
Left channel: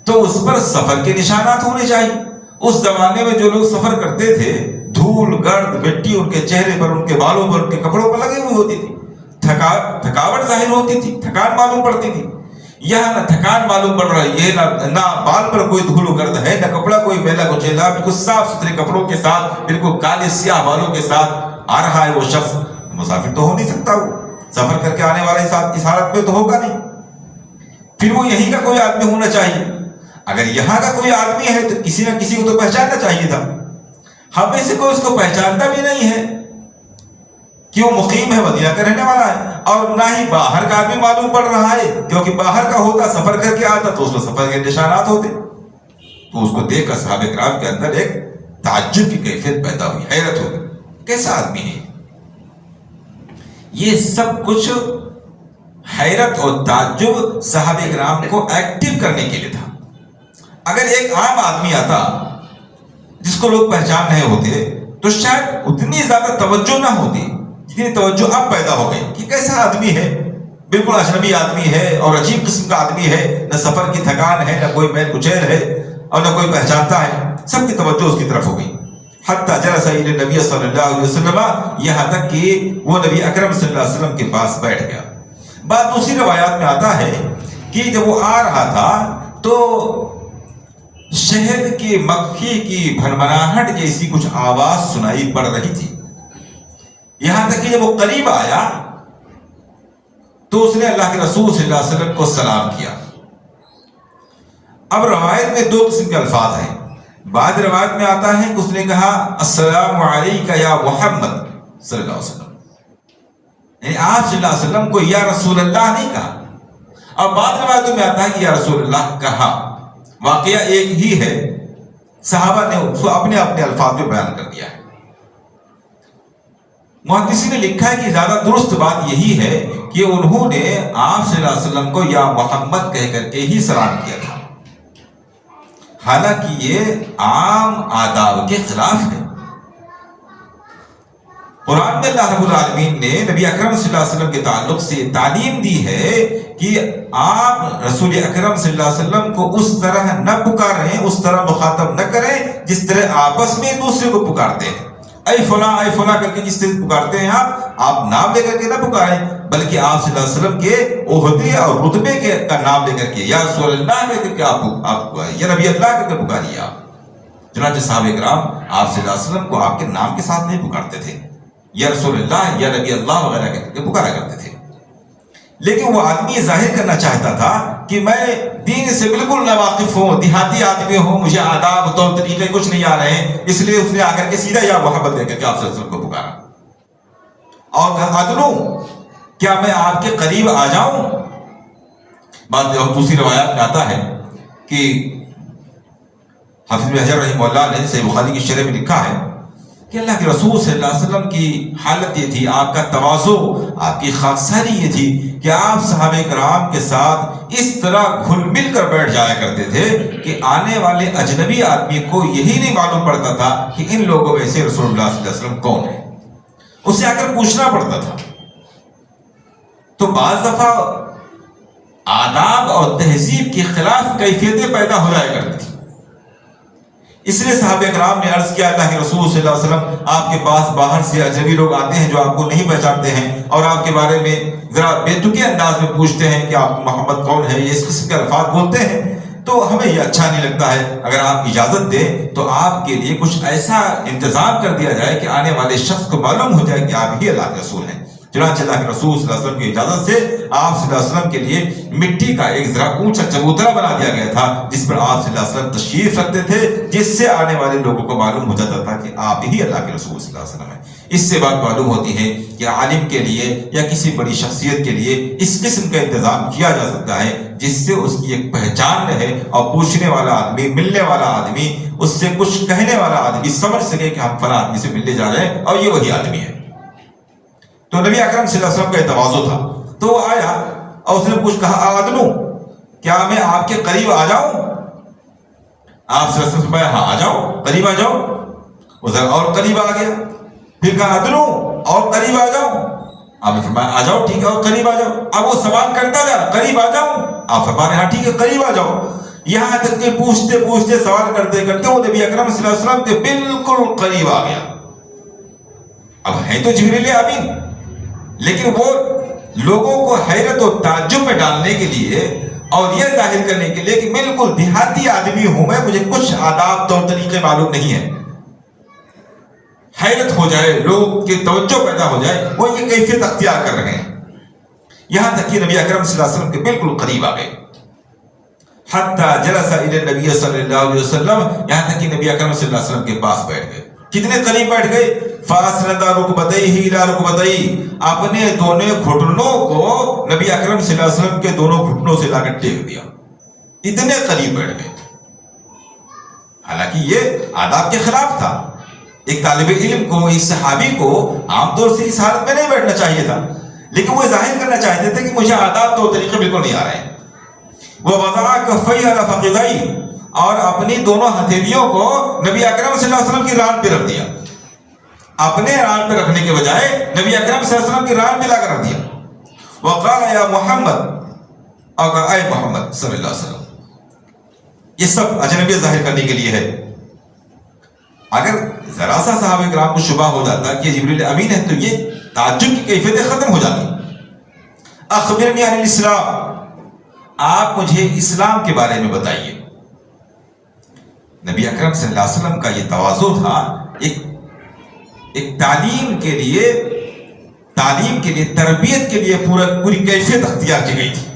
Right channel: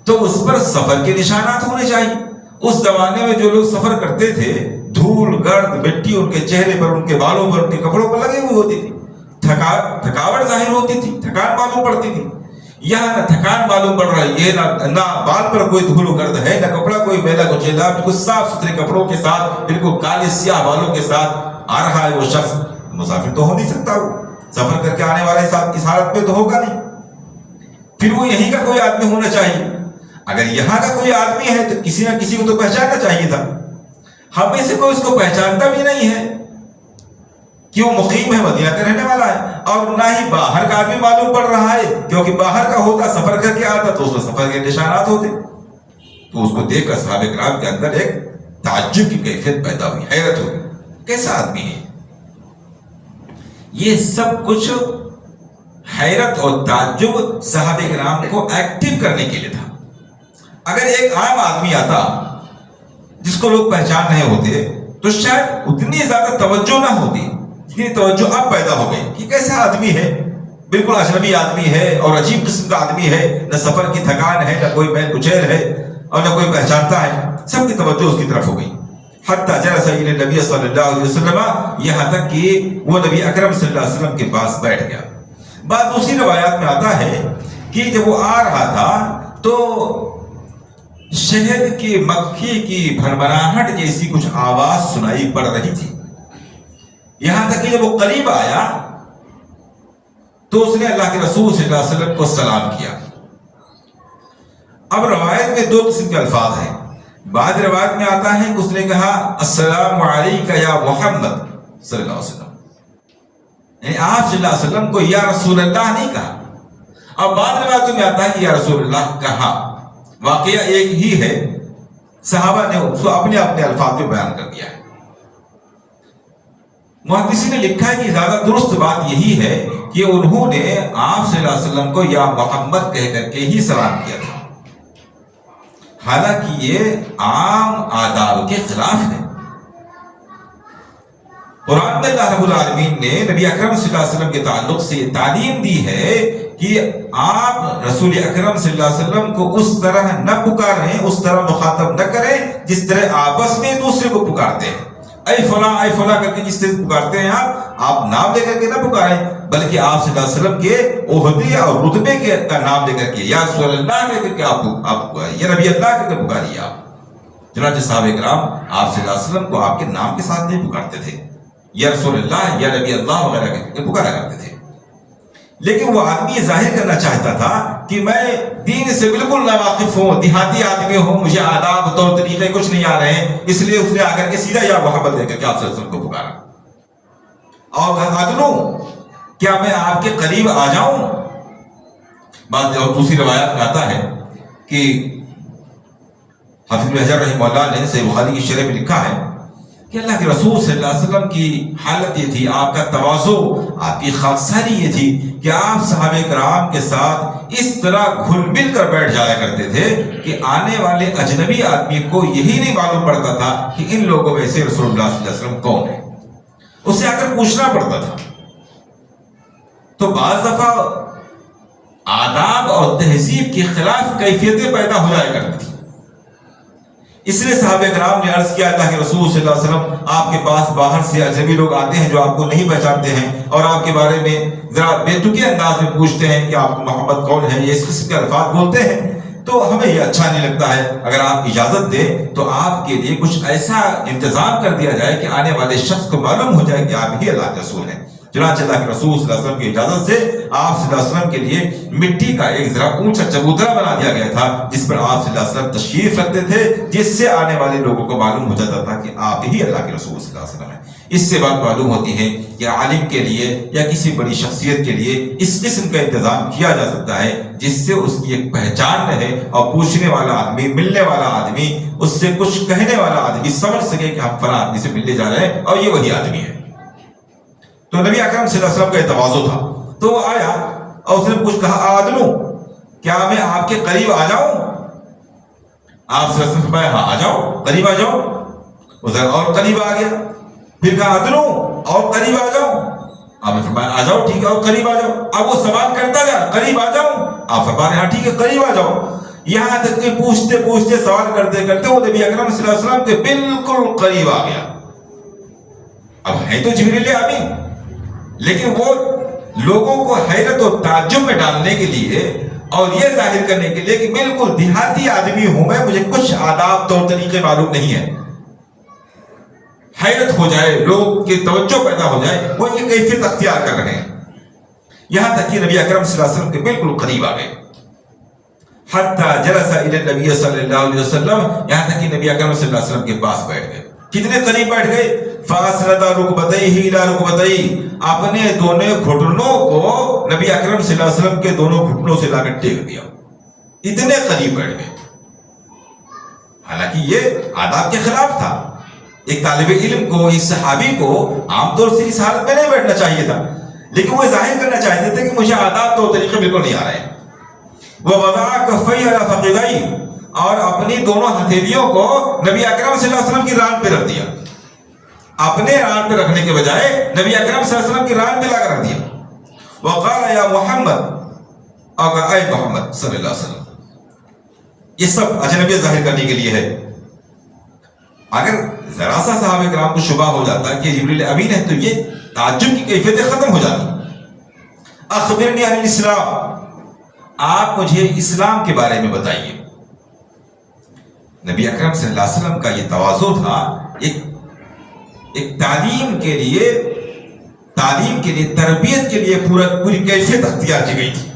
تو اس پر سفر کے نشانات ہونے چاہیے۔ اس زمانے میں جو لوگ سفر کرتے تھے، دھول گرد مٹی ان کے چہرے پر، ان کے بالوں پر، ان کے کپڑوں پر لگی ہوئی ہوتی تھی، تھکاوٹ ظاہر ہوتی تھی، تھکان معلوم پڑتی تھی۔ یہاں نہ تھکان معلوم پڑ رہی ہے، نہ بال پر کوئی دھول گرد ہے، نہ کپڑا کوئی میلا کچیلا، بالکل صاف ستھرے کپڑوں کے ساتھ، بالکل کالے سیاہ بالوں کے ساتھ آ رہا ہے وہ شخص۔ مسافر تو ہو نہیں سکتا، وہ سفر کر کے آنے والے اس حالت میں تو ہوگا نہیں، پھر وہ یہیں کا کوئی آدمی ہونا چاہیے۔ اگر یہاں کا کوئی آدمی ہے تو کسی نہ کسی کو تو پہچاننا چاہیے تھا. ہم میں سے کوئی اس کو پہچانتا بھی نہیں ہے کہ وہ مقیم ہے، مدینہ کا رہنے والا ہے، اور نہ ہی باہر کا آدمی معلوم پڑ رہا ہے، کیونکہ باہر کا ہوتا سفر کر کے آتا تو اس میں سفر کے نشانات ہوتے. تو اس کو دیکھ کر صحابہ کرام کے اندر ایک تعجب کی کیفیت پیدا ہوئی، حیرت ہوئی، کیسا آدمی ہے یہ؟ سب کچھ حیرت اور تعجب صحابہ کرام کو ایکٹیو کرنے کے لیے تھا. اگر ایک عام آدمی آتا جس کو لوگ پہچان رہے ہوتے تو شاید اتنی زیادہ توجہ نہ ہوتی جتنی توجہ اب پیدا ہو گئی کہ کیسا آدمی ہے، بالکل اجنبی آدمی ہے اور عجیب قسم کا آدمی ہے، نہ سفر کی تھکان ہے، نہ کوئی میل کچیل ہے اور نہ کوئی پہچانتا ہے. سب کی توجہ اس کی طرف ہو گئی. حتیٰ جلس الی نبی صلی اللہ علیہ وسلم، یہاں تک کہ وہ نبی اکرم صلی اللہ علیہ وسلم کے پاس بیٹھ گیا. بات دوسری روایات میں آتا ہے کہ جب وہ آ رہا تھا تو شہد کی مکھی کی بھنبھناہٹ جیسی کچھ آواز سنائی پڑ رہی تھی. یہاں تک کہ جب وہ قریب آیا تو اس نے اللہ کے رسول صلی اللہ علیہ وسلم کو سلام کیا. اب روایت میں دو قسم کے الفاظ ہیں. بعض روایت میں آتا ہے کہ اس نے کہا السلام علیکہ یا محمد صلی اللہ علیہ وسلم، یعنی آپ صلی اللہ علیہ وسلم کو یا رسول اللہ نہیں کہا. اور بعض روایتوں میں آتا ہے کہ یا رسول اللہ کہا. واقعہ ایک ہی ہے، صحابہ نے اس کو اپنے اپنے الفاظ میں بیان کر دیا ہے. محدثین نے لکھا ہے کہ زیادہ درست بات یہی ہے کہ انہوں نے آپ صلی اللہ علیہ وسلم کو یا محمد کہہ کر کے ہی سلام کیا تھا، حالانکہ یہ عام آداب کے خلاف ہے. قرآن میں اللہ رب العالمین نے نبی اکرم صلی اللہ علیہ وسلم کے تعلق سے تعلیم دی ہے کہ آپ رسول اکرم صلی اللہ علیہ وسلم کو اس طرح نہ پکاریں، اس طرح مخاطب نہ کریں جس طرح آپس میں دوسرے کو پکارتے ہیں. اے فلاں کر کے جس طرح پکارتے ہیں آپ نام لے کر کے نہ پکاریں، بلکہ آپ صلی اللہ علیہ وسلم کے عہدے اور رتبے کا نام لے کر کے یا رسول اللہ کر کے آپ پکاریں، یا نبی اللہ کر کے پکاریے. آپ چنانچہ صحابہ کرام آپ صلی اللہ علیہ وسلم کو آپ کے نام کے ساتھ نہیں پکارتے تھے، یا رسول اللہ یا نبی اللہ وغیرہ کر کے پکارا کرتے تھے. لیکن وہ آدمی یہ ظاہر کرنا چاہتا تھا کہ میں دین سے بالکل ناواقف ہوں، دیہاتی آدمی ہوں، مجھے آداب طور طریقے کچھ نہیں آ رہے ہیں، اس لیے اس نے آ کر کے سیدھا یا محبت دے کر کے آپ صلی اللہ علیہ وسلم کو پکارا. اور عدلوں کیا میں آپ کے قریب آ جاؤں؟ بعض دوسری روایات میں آتا ہے کہ حافظ بن حجر رحمہ اللہ نے صحیح بخاری کی شرح میں لکھا ہے کہ اللہ کے رسول صلی اللہ علیہ وسلم کی حالت یہ تھی، آپ کا تواضع، آپ کی خاکساری یہ تھی کہ آپ صحابہ کرام کے ساتھ اس طرح گھل مل کر بیٹھ جایا کرتے تھے کہ آنے والے اجنبی آدمی کو یہی نہیں معلوم پڑتا تھا کہ ان لوگوں میں سے رسول اللہ صلی اللہ علیہ وسلم کون ہے، اسے آ کر پوچھنا پڑتا تھا. تو بعض دفعہ آداب اور تہذیب کے خلاف کیفیتیں پیدا ہو جایا کرتی تھی. اس لیے صحابہ کرام نے عرض کیا اللہ کے رسول صلی اللہ علیہ وسلم آپ کے پاس باہر سے اجنبی لوگ آتے ہیں جو آپ کو نہیں پہچانتے ہیں اور آپ کے بارے میں ذرا بے تکی انداز میں پوچھتے ہیں کہ آپ محمد کون ہے، یہ اس قسم کے الفاظ بولتے ہیں، تو ہمیں یہ اچھا نہیں لگتا ہے. اگر آپ اجازت دیں تو آپ کے لیے کچھ ایسا انتظام کر دیا جائے کہ آنے والے شخص کو معلوم ہو جائے کہ آپ ہی اللہ کے رسول ہیں. چنانچہ اللہ کے رسول صلی اللہ علیہ وسلم کی اجازت سے آپ صلی اللہ علیہ وسلم کے لیے مٹی کا ایک ذرا اونچا چبوترا بنا دیا گیا تھا جس پر آپ صلی اللہ علیہ وسلم تشریف رکھتے تھے، جس سے آنے والے لوگوں کو معلوم ہو جاتا تھا کہ آپ ہی اللہ کے رسول صلی اللہ علیہ وسلم ہیں. اس سے بات معلوم ہوتی ہے کہ عالم کے لیے یا کسی بڑی شخصیت کے لیے اس قسم کا انتظام کیا جا سکتا ہے جس سے اس کی ایک پہچان رہے اور پوچھنے والا آدمی، ملنے والا آدمی، اس سے کچھ کہنے والا آدمی سمجھ سکے کہ ہم فلاں آدمی سے ملنے جا رہے ہیں اور یہ وہی آدمی ہے. تو نبی اکرم صلی اللہ علیہ وسلم کا تواضع تھا. تو وہ آیا اور اس نے کچھ کہا عدلوں کیا میں آپ کے قریب آ جاؤں؟ آپ صلی اللہ علیہ وسلم نے ہاں آ جاؤ، قریب آ جاؤ. وہ ذرا اور قریب آ گیا، پھر کہا عدلوں اور قریب آ جاؤ. آپ نے فرمایا آ جاؤ، ٹھیک ہے، اور قریب آ جاؤ. اب وہ سوال کرتا گیا قریب آ جاؤ، آپ فرمایا ہاں ٹھیک ہے قریب آ جاؤ. یہاں تک کہ پوچھتے پوچھتے سوال کرتے کرتے وہ نبی اکرم صلی اللہ علیہ وسلم کے بالکل قریب آ گیا. اب ہے تو جبریل امین، لیکن وہ لوگوں کو حیرت و تعجب میں ڈالنے کے لیے اور یہ ظاہر کرنے کے لیے کہ بالکل دیہاتی آدمی ہوں میں، مجھے کچھ آداب طور طریقے معلوم نہیں ہے، حیرت ہو جائے، لوگ کی توجہ پیدا ہو جائے، وہ یہ کیفیت اختیار کر رہے ہیں. یہاں تک کہ نبی اکرم صلی اللہ علیہ وسلم کے بالکل قریب آ گئے. حتی جلس الی النبی صلی اللہ علیہ وسلم، یہاں تک کہ نبی اکرم صلی اللہ علیہ وسلم کے پاس بیٹھ گئے. کتنے قریب بیٹھ گئے؟ فاسند رکبتیہ الی رکبتیہ، اپنے دونوں گھٹنوں کو نبی اکرم صلی اللہ علیہ وسلم کے دونوں گھٹنوں سے لا کر ٹیک دیا. اتنے قریب بیٹھ گئے. حالانکہ یہ آداب کے خلاف تھا. ایک طالب علم کو، ایک صحابی کو عام طور سے اس حالت میں نہیں بیٹھنا چاہیے تھا، لیکن وہ ظاہر کرنا چاہتے تھے کہ مجھے آداب تو طریقے بالکل نہیں آ رہے ہیں. وَوَضَعَ كَفَّيْهِ عَلَى فَخِذَيْهِ، اور اپنی دونوں ہتھیلیوں کو نبی اکرم صلی اللہ علیہ وسلم کی ران پہ رکھ دیا. اپنے ران پہ رکھنے کے بجائے نبی اکرم صلی اللہ علیہ وسلم کی ران پہ لا کر رکھ دیا. وَقَالَ يَا مُحَمَّد، اور اے محمد صلی اللہ علیہ وسلم. یہ سب اجنبیت ظاہر کرنے کے لیے ہے. اگر ذرا سا صحابہ کرام کو شبہ ہو جاتا کہ جبریل امین ہے تو یہ تعجب کی کیفیتیں ختم ہو جاتی. اخبرنی عن الاسلام، آپ مجھے اسلام کے بارے میں بتائیے. نبی اکرم صلی اللہ علیہ وسلم کا یہ تواضع تھا. ایک تعلیم کے لیے، تربیت کے لیے پوری کیفیت اختیار کی گئی تھی.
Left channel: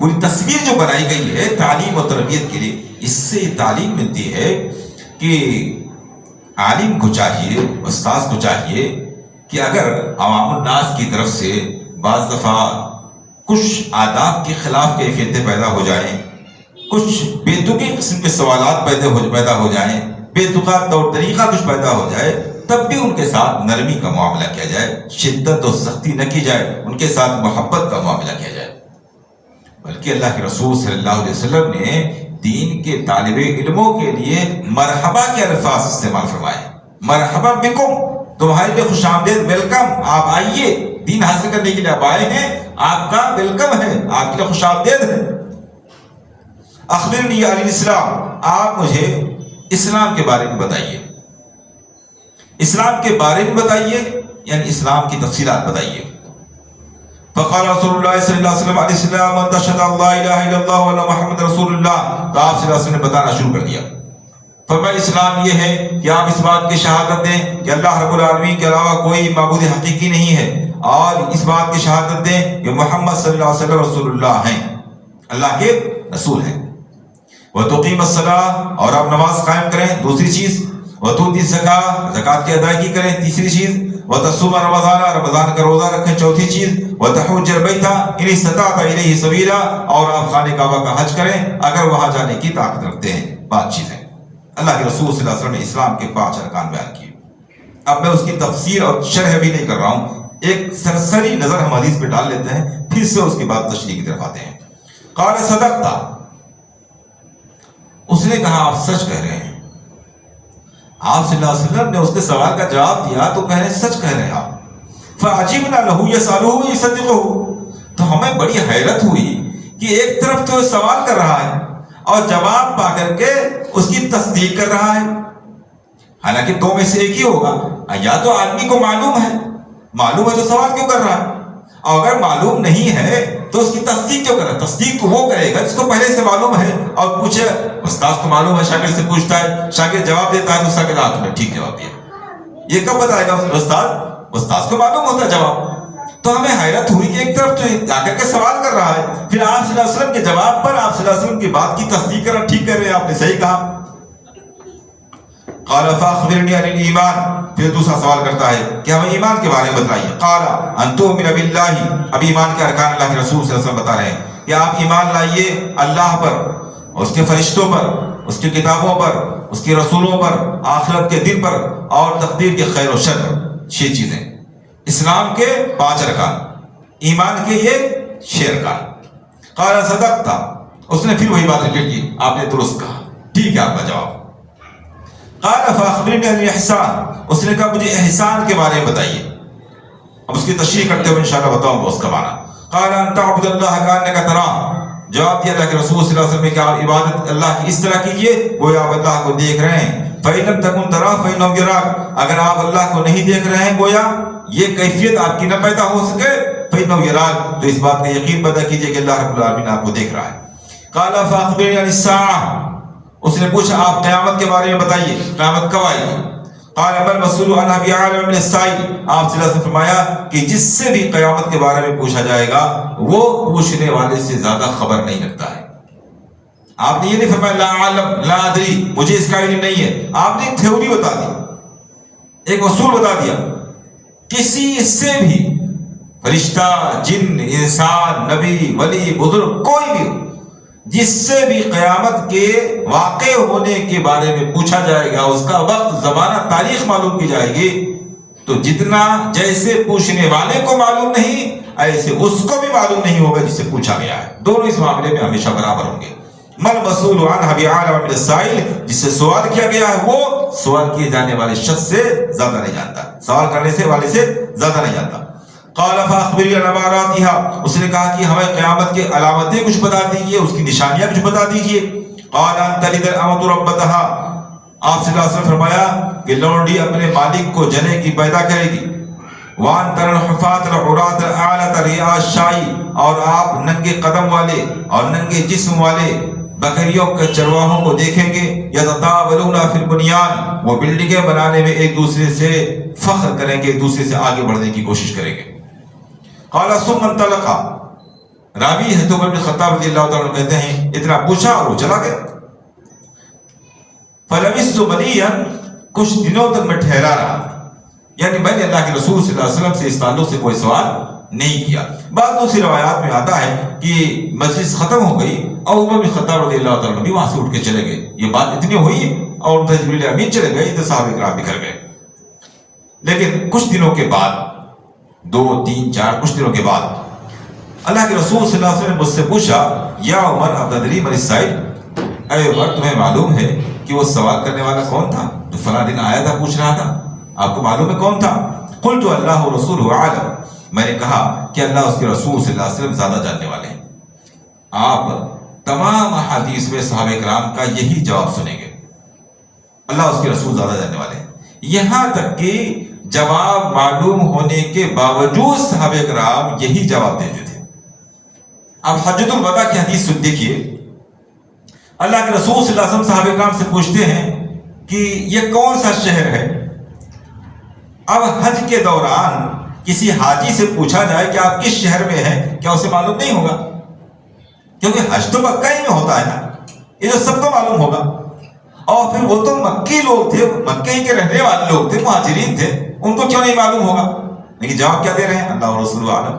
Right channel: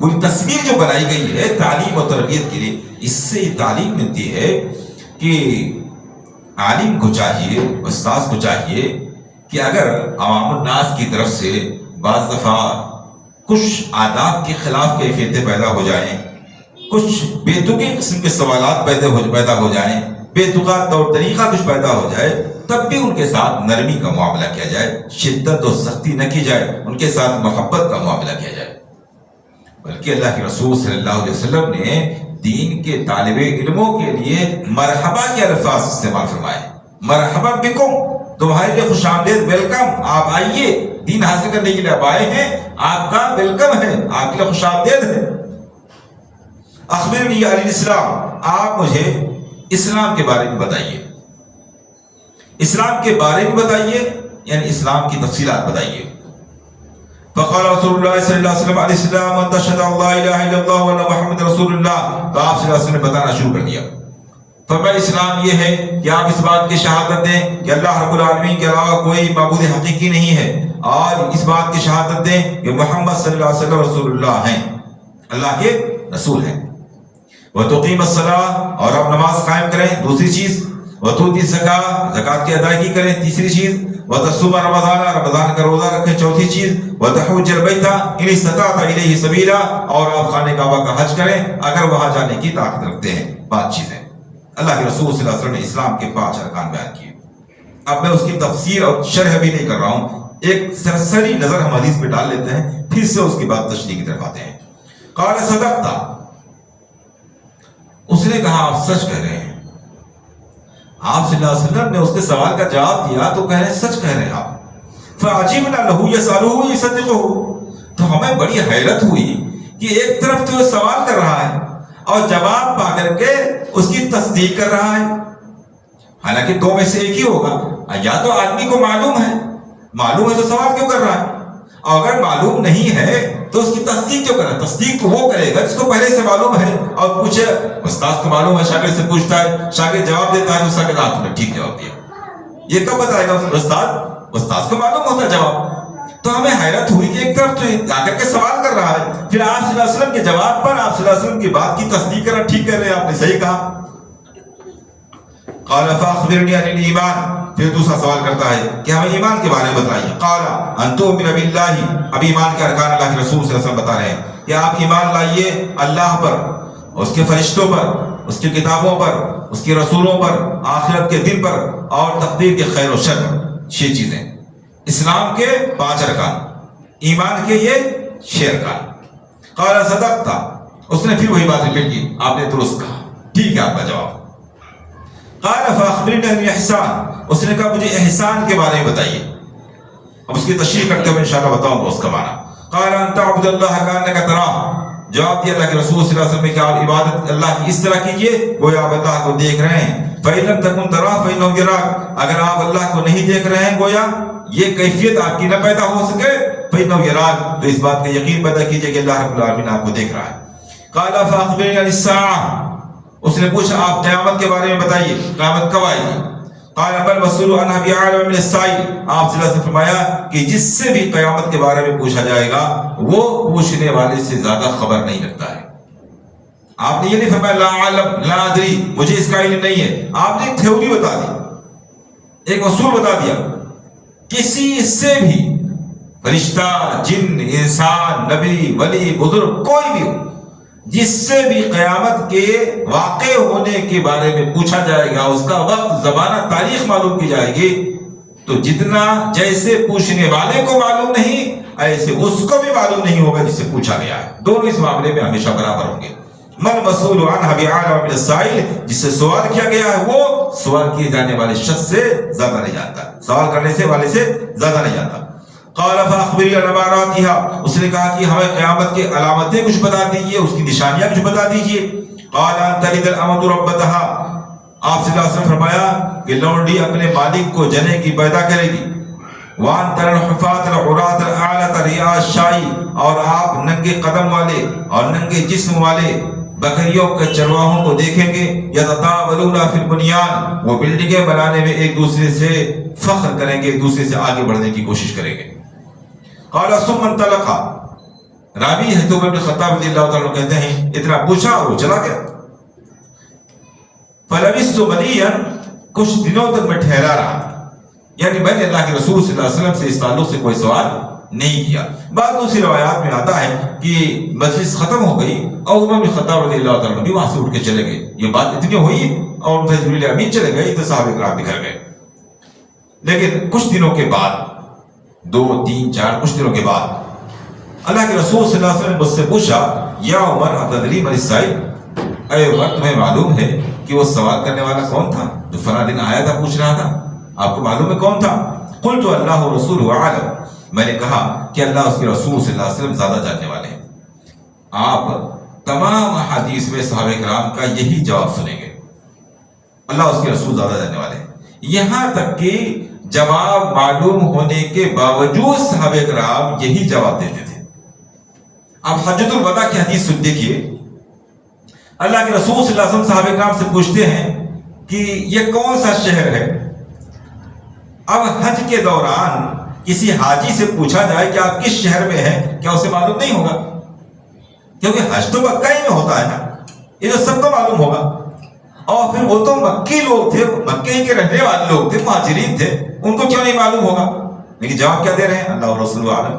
پوری تصویر جو بنائی گئی ہے تعلیم و تربیت کے لیے، اس سے تعلیم ملتی ہے کہ عالم کو چاہیے، استاذ کو چاہیے کہ اگر عوام الناس کی طرف سے بعض دفعہ کچھ آداب کے خلاف کیفیتیں پیدا ہو جائیں، کچھ بے تکی قسم کے سوالات پیدا ہو جائیں، بے تکا طور طریقہ کچھ پیدا ہو جائے، تب بھی ان کے ساتھ نرمی کا معاملہ کیا جائے، شدت و سختی نہ کی جائے، ان کے ساتھ محبت کا معاملہ کیا جائے. بلکہ اللہ کے رسول صلی اللہ علیہ وسلم نے دین کے طالب علموں کے لیے مرحبا کے الفاظ استعمال فرمائے. مرحبا بکم، تمہارے لیے خوش آمدید، ویلکم، آپ آئیے، دین حاصل کرنے کے لیے آپ آئے ہیں، آپ کا ویلکم ہے، آپ کے لیے خوش آمدید ہے. اخبرنی عن الاسلام، آپ مجھے اسلام کے بارے میں بتائیے. اسلام کے بارے میں بتائیے یعنی اسلام کی تفصیلات بتائیے. فقال رسول اللہ صلی اللہ علیہ وسلم علیہ السلام ان تشهد ان لا الہ الا اللہ وان محمد رسول اللہ. تو آپ صلی اللہ علیہ وسلم نے بتانا شروع کر دیا. فرمایا اسلام یہ ہے کہ آپ اس بات کی شہادت دیں کہ اللہ رب العالمین کے علاوہ کوئی معبود حقیقی نہیں ہے، اور اس بات کی شہادت دیں کہ محمد صلی اللہ علیہ وسلم رسول اللہ ہیں، اللہ کے رسول ہیں. وتقیم الصلاۃ، اور آپ نماز قائم کریں، دوسری چیز. وتؤتی الزکاۃ، زکات کی ادائیگی کریں، تیسری چیز. وتصوم رمضان، رمضان کا روزہ رکھیں، چوتھی چیز. وتحج البیت ان استطعت الیہ سبیلا، اور آپ خانہ کعبہ کا حج کریں اگر وہاں جانے کی طاقت رکھتے ہیں. 5 چیزیں اللہ کے رسول صلی اللہ علیہ وسلم نے اسلام کے 5 ارکان بیان کیے. اب میں اس کی تفسیر اور شرح بھی نہیں کر رہا ہوں، ایک سرسری نظر ہم حدیث پہ ڈال لیتے ہیں، پھر سے اس کے بعد تشریح کی طرف آتے ہیں. قال صدقت، اس نے کہا آپ سچ کہہ رہے ہیں. آپ صلی اللہ علیہ وسلم نے اس کے سوال کا جواب دیا تو کہہ رہے ہیں سچ کہہ رہے ہیں آپ. فعجبنا له يسأله يصدقه، تو ہمیں بڑی حیرت ہوئی کہ ایک طرف تو سوال کر رہا ہے اور جواب پا کر کے اس کی تصدیق کر رہا ہے. حالانکہ دو میں سے ایک ہی ہوگا، یا تو آدمی کو معلوم ہے تو سوال کیوں کر رہا ہے، اور اگر معلوم نہیں ہے تو اس کی تصدیق کیوں کر رہا ہے. تصدیق تو وہ کرے گا جس کو پہلے سے معلوم ہے اور پوچھے. استاد کو معلوم ہے، شاگرد سے پوچھتا ہے، شاگرد جواب دیتا ہے، دوسرا کے ہاتھ میں ٹھیک جواب دیا. یہ کب بتائے گا استاد کو معلوم ہوتا ہے جواب. تو ہمیں حیرت ہوئی کہ ایک طرف تو جا کر کے سوال کر رہا ہے، پھر آپ صلی اللہ علیہ وسلم کے جواب پر آپ صلی اللہ علیہ وسلم کی بات کی تصدیق کر رہا، ٹھیک کر رہے ہیں، آپ نے صحیح کہا. قال فاخبرنی عن الایمان، پھر دوسرا سوال کرتا ہے کہ ہمیں ایمان کے بارے میں بتائیے. قال ان تؤمن باللہ، اب ایمان کے ارکان اللہ کے رسول صلی اللہ علیہ وسلم بتا رہے ہیں کہ آپ ایمان لائیے اللہ پر، اس کے فرشتوں پر، اس کی کتابوں پر، اس کے رسولوں پر، آخرت کے دن پر، اور تقدیر کے خیر و شر. 6 چیزیں اسلام کے 5 ارکان، ایمان کے یہ 6 ارکان. قال صدقت، اس نے پھر وہی بات ذکر کی، آپ نے درست کہا، ٹھیک ہے آپ کا جواب. قال فاخبرنی عن الاحسان، اس نے کہا مجھے احسان کے بارے میں بتائیے. اب اس کی تشریح کرتے ہوئے انشاءاللہ بتاؤں گا اس کا معنی. قال ان تعبد اللہ کانک تراہ، جواب دیا اللہ کے رسول صلی اللہ علیہ وسلم کہ آپ عبادت اللہ کی اس طرح کیجئے گویا آپ اللہ کو دیکھ رہے ہیں. فإن لم تكن تراه فإنه يراك، اگر آپ اللہ کو نہیں دیکھ رہے ہیں گویا یہ کیفیت آپ کی نہ پیدا ہو سکے، فإنه يراك، تو اس بات کا یقین پیدا کیجئے کہ اللہ رب العالمین آپ کو دیکھ رہا ہے. قال فأخبرني عن الساعة، اس نے پوچھا آپ قیامت کے بارے میں بتائیے، قیامت کب آئے گی. قال بل مسئول عنها بعالم من السائل، آپ صلی اللہ علیہ وسلم نے فرمایا کہ جس سے بھی قیامت کے بارے میں پوچھا جائے گا وہ پوچھنے والے سے زیادہ خبر نہیں رکھتا ہے. آپ نے یہ نہیں فرمایا لا علم لا ادری مجھے اس کا علم نہیں ہے، آپ نے تھیوری بتا دی، ایک اصول بتا دیا. کسی سے بھی فرشتہ، جن، انسان، نبی، ولی، بزرگ، کوئی بھی جس سے بھی قیامت کے واقع ہونے کے بارے میں پوچھا جائے گا، اس کا وقت، زمانہ، تاریخ معلوم کی جائے گی، تو جتنا جیسے پوچھنے والے کو معلوم نہیں ایسے اس کو بھی معلوم نہیں ہوگا جس سے پوچھا گیا ہے. دونوں اس معاملے میں ہمیشہ برابر ہوں گے. من مسئول عنہ بعلم من السائل، جس سے سوال کیا گیا ہے وہ سوال کیے جانے والے شخص سے زیادہ نہیں جانتا، سوال کرنے سے والے سے زیادہ نہیں جانتا. قال فاخبرني عن اماراتها، اس نے کہا کہ ہمیں قیامت کے علامتیں کچھ بتا دیجیے، اس کی نشانیاں کچھ بتا دیجیے. قال ان تلد الامۃ ربتها، آپ صلی اللہ علیہ وسلم فرمایا کہ لونڈی اپنے مالک کو جنے کی پیدا کرے گی. وان تر الحفاۃ العراۃ الاعلى رعاء الشاء، اور آپ ننگے قدم والے اور ننگے جسم والے بکریوں کے چرواہوں کو دیکھیں گے. یتطاولون فی البنیان، وہ بلڈنگیں بنانے میں ایک دوسرے سے فخر کریں گے، ایک دوسرے سے آگے بڑھنے کی کوشش کریں گے. قال ثم انطلق، راوی ہے تو ابن خطاب رضی اللہ تعالیٰ کہتے ہیں اتنا پوچھا اور وہ چلا گیا. فلبثت مليا، کچھ دنوں تک میں ٹھہرا رہا، یعنی میں نے اللہ کے رسول صلی اللہ علیہ وسلم سے اس تعلق سے کوئی سوال نہیں کیا. بعض دوسری روایات میں آتا ہے کہ مجلس ختم ہو گئی اور عمر بن خطاب رضی اللہ تعالیٰ بھی وہاں سے اٹھ کے چلے گئے. یہ بات اتنی ہوئی اور جبریل امین چلے گئے تو صحابہ کرام بھی گھر گئے. لیکن کچھ دنوں کے بعد، 2 3 4 کچھ دنوں کے بعد اللہ کے رسول صلی اللہ علیہ وسلم نے مجھ سے پوچھا یا عمر اتدری من السائل، اے عمر تمہیں معلوم ہے کہ وہ سوال کرنے والا کون تھا جو فلاں دن آیا تھا پوچھ رہا تھا؟ آپ کو معلوم ہے کون تھا؟ قلت اللہ ورسولہ اعلم، میں نے کہا کہ اللہ اس کے رسول صلی اللہ علیہ وسلم زیادہ جاننے والے ہیں. آپ تمام حدیث میں صحابہ کرام کا یہی جواب سنیں گے، اللہ اس کے رسول زیادہ جاننے والے ہیں. یہاں تک کہ جواب معلوم ہونے کے باوجود صحابہ کرام یہی جواب دیتے تھے. اب حجۃ الوداع کی حدیث سن دیکھیے، اللہ کے رسول صلی اللہ علیہ وسلم صحابہ کرام سے پوچھتے ہیں کہ یہ کون سا شہر ہے. اب حج کے دوران کسی حاجی سے پوچھا جائے کہ آپ کس شہر میں ہیں، کیا اسے معلوم نہیں ہوگا؟ کیونکہ حج تو مکہ ہی میں ہوتا ہے نا، یہ جو سب کو معلوم ہوگا. اور پھر وہ تو مکی لوگ تھے، مکے کے رہنے والے لوگ تھے، مہاجرین تھے، ان کو کیوں نہیں معلوم ہوگا؟ لیکن جواب کیا دے رہے ہیں؟ اللہ ورسولہ اعلم.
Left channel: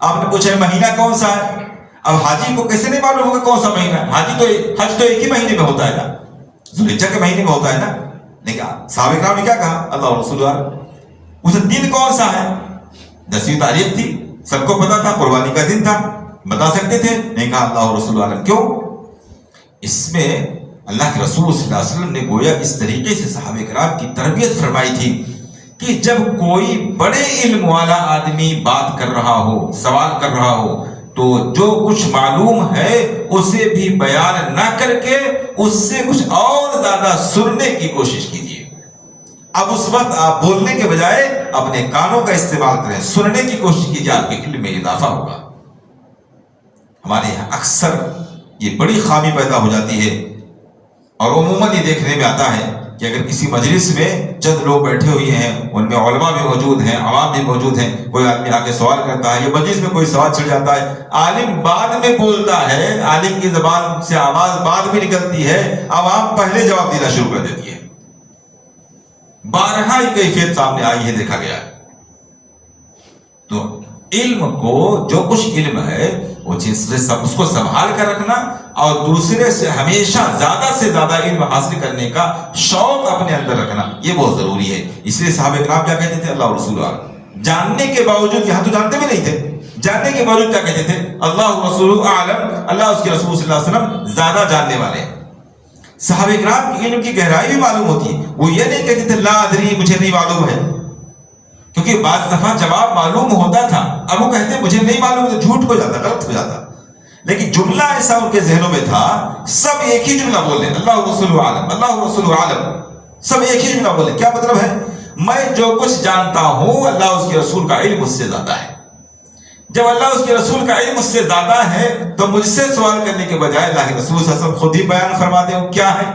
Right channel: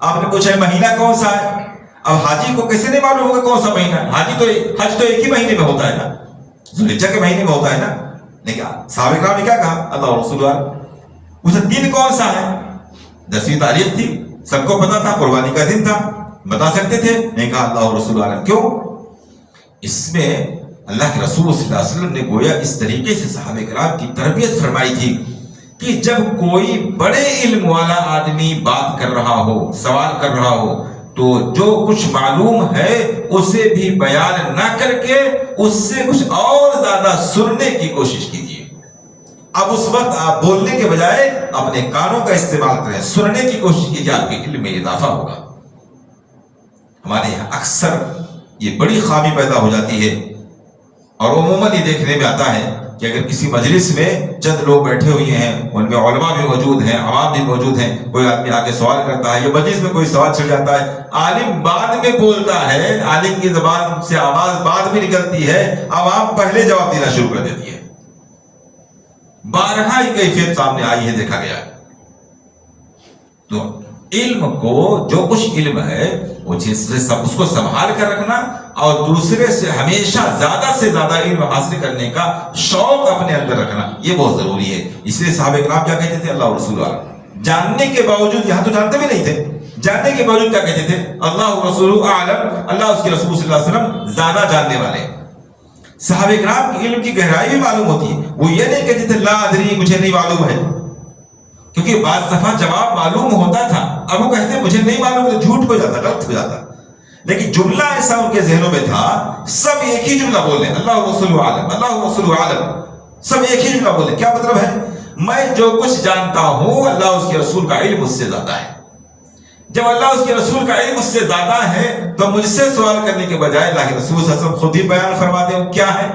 آپ نے پوچھا مہینہ کون سا ہے، اب حاجی کو کیسے نہیں معلوم ہوگا کون سا مہینہ؟ حج تو ایک ہی مہینے میں ہوتا ہے نا، ذوالحجہ کے مہینے میں ہوتا ہے نا. لیکن صحابہ کرام نے کیا کہا؟ اللہ ورسولہ اعلم. اسے دن کون سا ہے؟ 10ویں تاریخ تھی، سب کو پتا تھا، قربانی کا دن تھا، بتا سکتے تھے، نہیں کہا اللہ ورسولہ اعلم. کیوں؟ اس میں اللہ کے رسول صلی اللہ علیہ وسلم نے گویا اس طریقے سے صحابہ کرام کی تربیت فرمائی تھی کہ جب کوئی بڑے علم والا آدمی بات کر رہا ہو، سوال کر رہا ہو، تو جو کچھ معلوم ہے اسے بھی بیان نہ کر کے اس سے کچھ اور زیادہ سننے کی کوشش کیجیے. اب اس وقت آپ بولنے کے بجائے اپنے کانوں کا استعمال کریں، سننے کی کوشش کیجیے، آپ کے علم میں اضافہ ہوگا. ہمارے یہاں اکثر یہ بڑی خامی پیدا ہو جاتی ہے، اور عموماً یہ دیکھنے میں آتا ہے کہ اگر کسی مجلس میں چند لوگ بیٹھے ہوئے ہیں، ان میں علماء بھی موجود ہیں، عوام بھی موجود ہیں، کوئی آدمی آگے سوال کرتا ہے، یہ مجلس میں کوئی سوال چھڑ جاتا ہے، عالم بعد میں بولتا ہے، عالم کی زبان سے آواز بعد میں نکلتی ہے، عوام پہلے جواب دینا شروع کر دیتی ہے. بارہا یہ کیفیت سامنے آئی ہے، دیکھا گیا ہے. تو علم کو جو کچھ علم ہے وہ چیز اس کو سنبھال کر رکھنا اور دوسرے سے ہمیشہ زیادہ سے زیادہ علم حاصل کرنے کا شوق اپنے اندر رکھنا، یہ بہت ضروری ہے. اس لیے صحابہ کرام کیا کہتے تھے؟ اللہ رسول اللہ، جاننے کے باوجود، یہاں تو جانتے بھی نہیں تھے، جاننے کے باوجود کیا کہتے تھے؟ اللہ رسول اعلم، اللہ اس کے رسول صلی اللہ علیہ وسلم زیادہ جاننے والے. صحابہ کرام کی علم کی گہرائی بھی معلوم ہوتی ہے، وہ یہ نہیں کہتے تھے لا ادری، مجھے نہیں معلوم ہے، کیونکہ بعض دفعہ جواب معلوم ہوتا تھا، اب وہ کہتے مجھے نہیں معلوم، تو جھوٹ ہو جاتا، غلط ہو جاتا. لیکن جملہ ایسا ان کے ذہنوں میں تھا، سب ایک ہی جملہ بول رہے ہیں، اللہ رسول عالم، اللہ رسول عالم، سب ایک ہی جملہ بول رہے ہیں. کیا مطلب ہے؟ میں جو کچھ جانتا ہوں اللہ اس کے رسول کا علم مجھ سے زیادہ ہے. جب اللہ اس کے رسول کا علم مجھ سے زیادہ ہے تو مجھ سے سوال کرنے کے بجائے اللہ کے رسول صلی اللہ علیہ وسلم خود ہی بیان فرما دیں کیا ہے.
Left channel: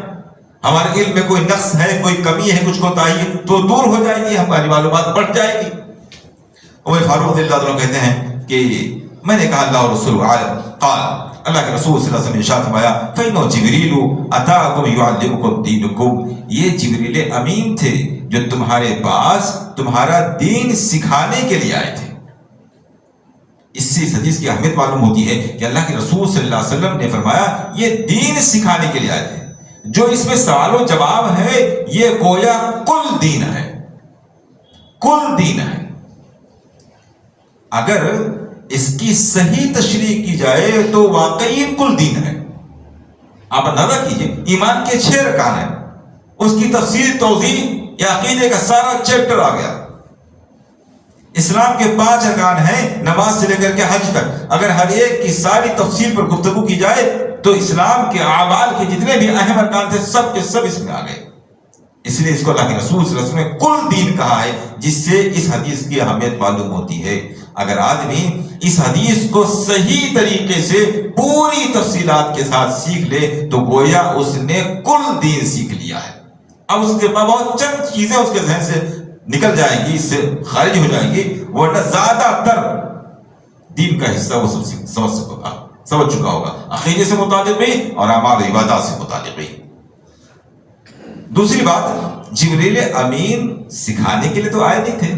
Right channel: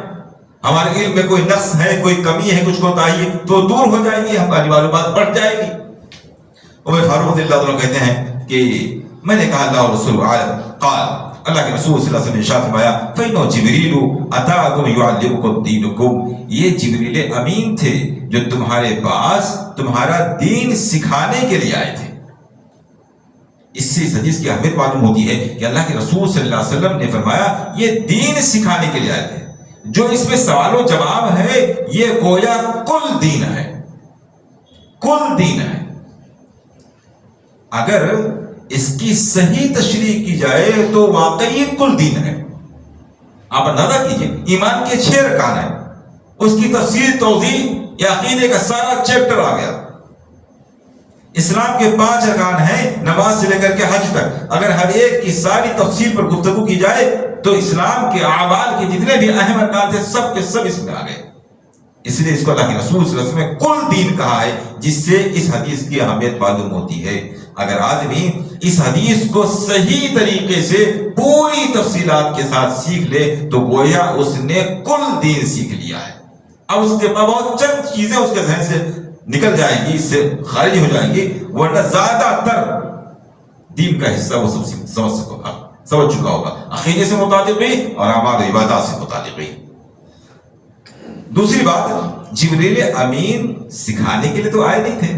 ہمارے علم میں کوئی نقص ہے، کوئی کمی ہے، کچھ کوتاہی ہے تو دور ہو جائے گی، ہماری معلومات بڑھ جائے گی. عمر فاروق رضی اللہ عنہ کہتے ہیں کہ میں نے کہا اللہ رسول عالم. قال اللہ کے رسول صلی اللہ علیہ وسلم نے ارشاد فرمایا فَإِنَّهُ جِبْرِيلُ أَتَاكُمْ يُعَلِّمُكُمْ دِينَكُمْ، یہ جبریل امین تھے جو تمہارے پاس تمہارا دین سکھانے کے لیے آئے تھے۔ اس سے اس حدیث کی اہمیت معلوم ہوتی ہے کہ اللہ کے رسول صلی اللہ علیہ وسلم نے فرمایا یہ دین سکھانے کے لیے آئے تھے۔ جو اس میں سوال و جواب ہے یہ گویا کل دین ہے، کل دین ہے۔ اگر اس کی صحیح تشریح کی جائے تو واقعی کل دین ہے۔ آپ اندازہ کیجئے ایمان کے 6 ارکان ہیں، اس کی تفسیر توضیح یا عقیدے کا سارا چیپٹر آ گیا۔ اسلام کے 5 ارکان ہیں نماز سے لے کر کے حج تک، اگر ہر ایک کی ساری تفصیل پر گفتگو کی جائے تو اسلام کے اعمال کے جتنے بھی اہم ارکان تھے سب کے سب اس میں آ گئے۔ اس لیے اس کو اللہ کے رسول صلی اللہ علیہ وسلم نے کل دین کہا ہے، جس سے اس حدیث کی اہمیت معلوم ہوتی ہے۔ اگر آدمی اس حدیث کو صحیح طریقے سے پوری تفصیلات کے ساتھ سیکھ لے تو گویا اس نے کل دین سیکھ لیا ہے۔ اب اس کے بعد بہت چند چیزیں اس کے ذہن سے نکل جائیں گی، اس سے خارج ہو جائیں گی، ورنہ زیادہ تر دین کا حصہ وہ سمجھ چکا ہوگا، عقیدے سے متعلق بھی اور اعمال و عبادات سے متعلق بھی۔ دوسری بات، جبریل امین سکھانے کے لیے تو آئے نہیں تھے،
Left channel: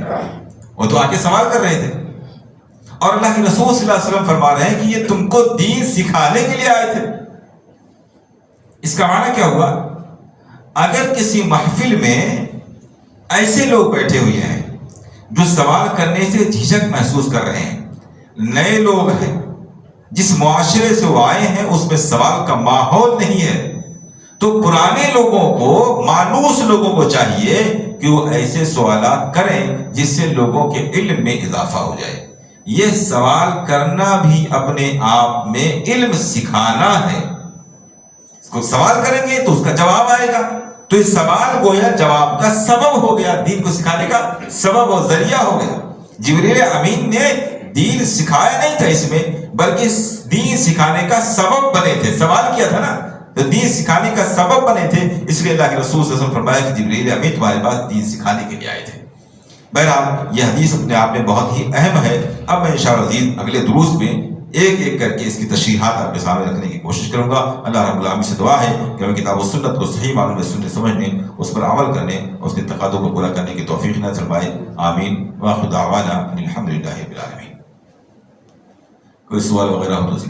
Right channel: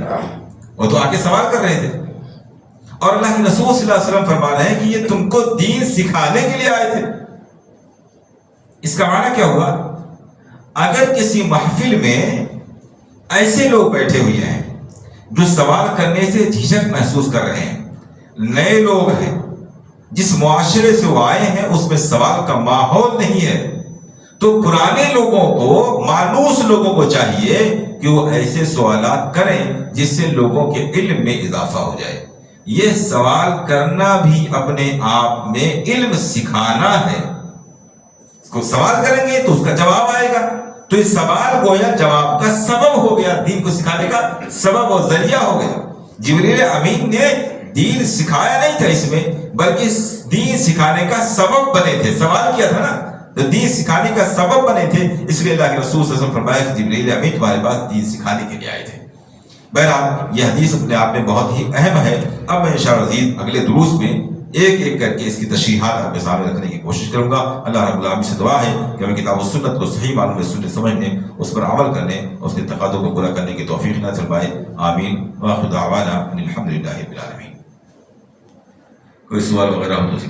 وہ تو آ کے سوال کر رہے تھے، اور اللہ کے رسول صلی اللہ علیہ وسلم فرما رہے ہیں کہ یہ تم کو دین سکھانے کے لیے آئے تھے۔ اس کا معنی کیا ہوا؟ اگر کسی محفل میں ایسے لوگ بیٹھے ہوئے ہیں جو سوال کرنے سے جھجک محسوس کر رہے ہیں، نئے لوگ ہیں، جس معاشرے سے وہ آئے ہیں اس میں سوال کا ماحول نہیں ہے، تو پرانے لوگوں کو، مانوس لوگوں کو چاہیے کہ وہ ایسے سوالات کریں جس سے لوگوں کے علم میں اضافہ ہو جائے۔ یہ سوال کرنا بھی اپنے آپ میں علم سکھانا ہے۔ اس کو سوال کریں گے تو اس کا جواب آئے گا، تو یہ سوال گویا جواب کا سبب ہو گیا، دین کو سکھانے کا سبب اور ذریعہ ہو گیا۔ جبریل امین نے دین سکھایا نہیں تھا اس میں، بلکہ دین سکھانے کا سبب بنے تھے۔ سوال کیا تھا نا، تو دین سکھانے کا سبب بنے تھے، اس لیے اللہ کے رسول صلی اللہ علیہ وسلم فرمایا کہ جبریل امین تمہارے پاس دین سکھانے کے لیے آئے تھے۔ بہرحال یہ حدیث اپنے آپ میں بہت ہی اہم ہے۔ اب میں انشاءاللہ مزید اگلے دروس میں ایک ایک کر کے اس کی تشریحات آپ کے سامنے رکھنے کی کوشش کروں گا۔ اللہ رب العالمین سے دعا ہے کہ ہمیں کتاب و سنت کو صحیح معلوم سننے سمجھنے، اس پر عمل کرنے، اس کے تقاضوں کو پورا کرنے کی توفیق نصیب فرمائے۔ آمین وآخر دعوانا ان الحمد للہ رب العالمین۔ کوئی سوال وغیرہ ہو تو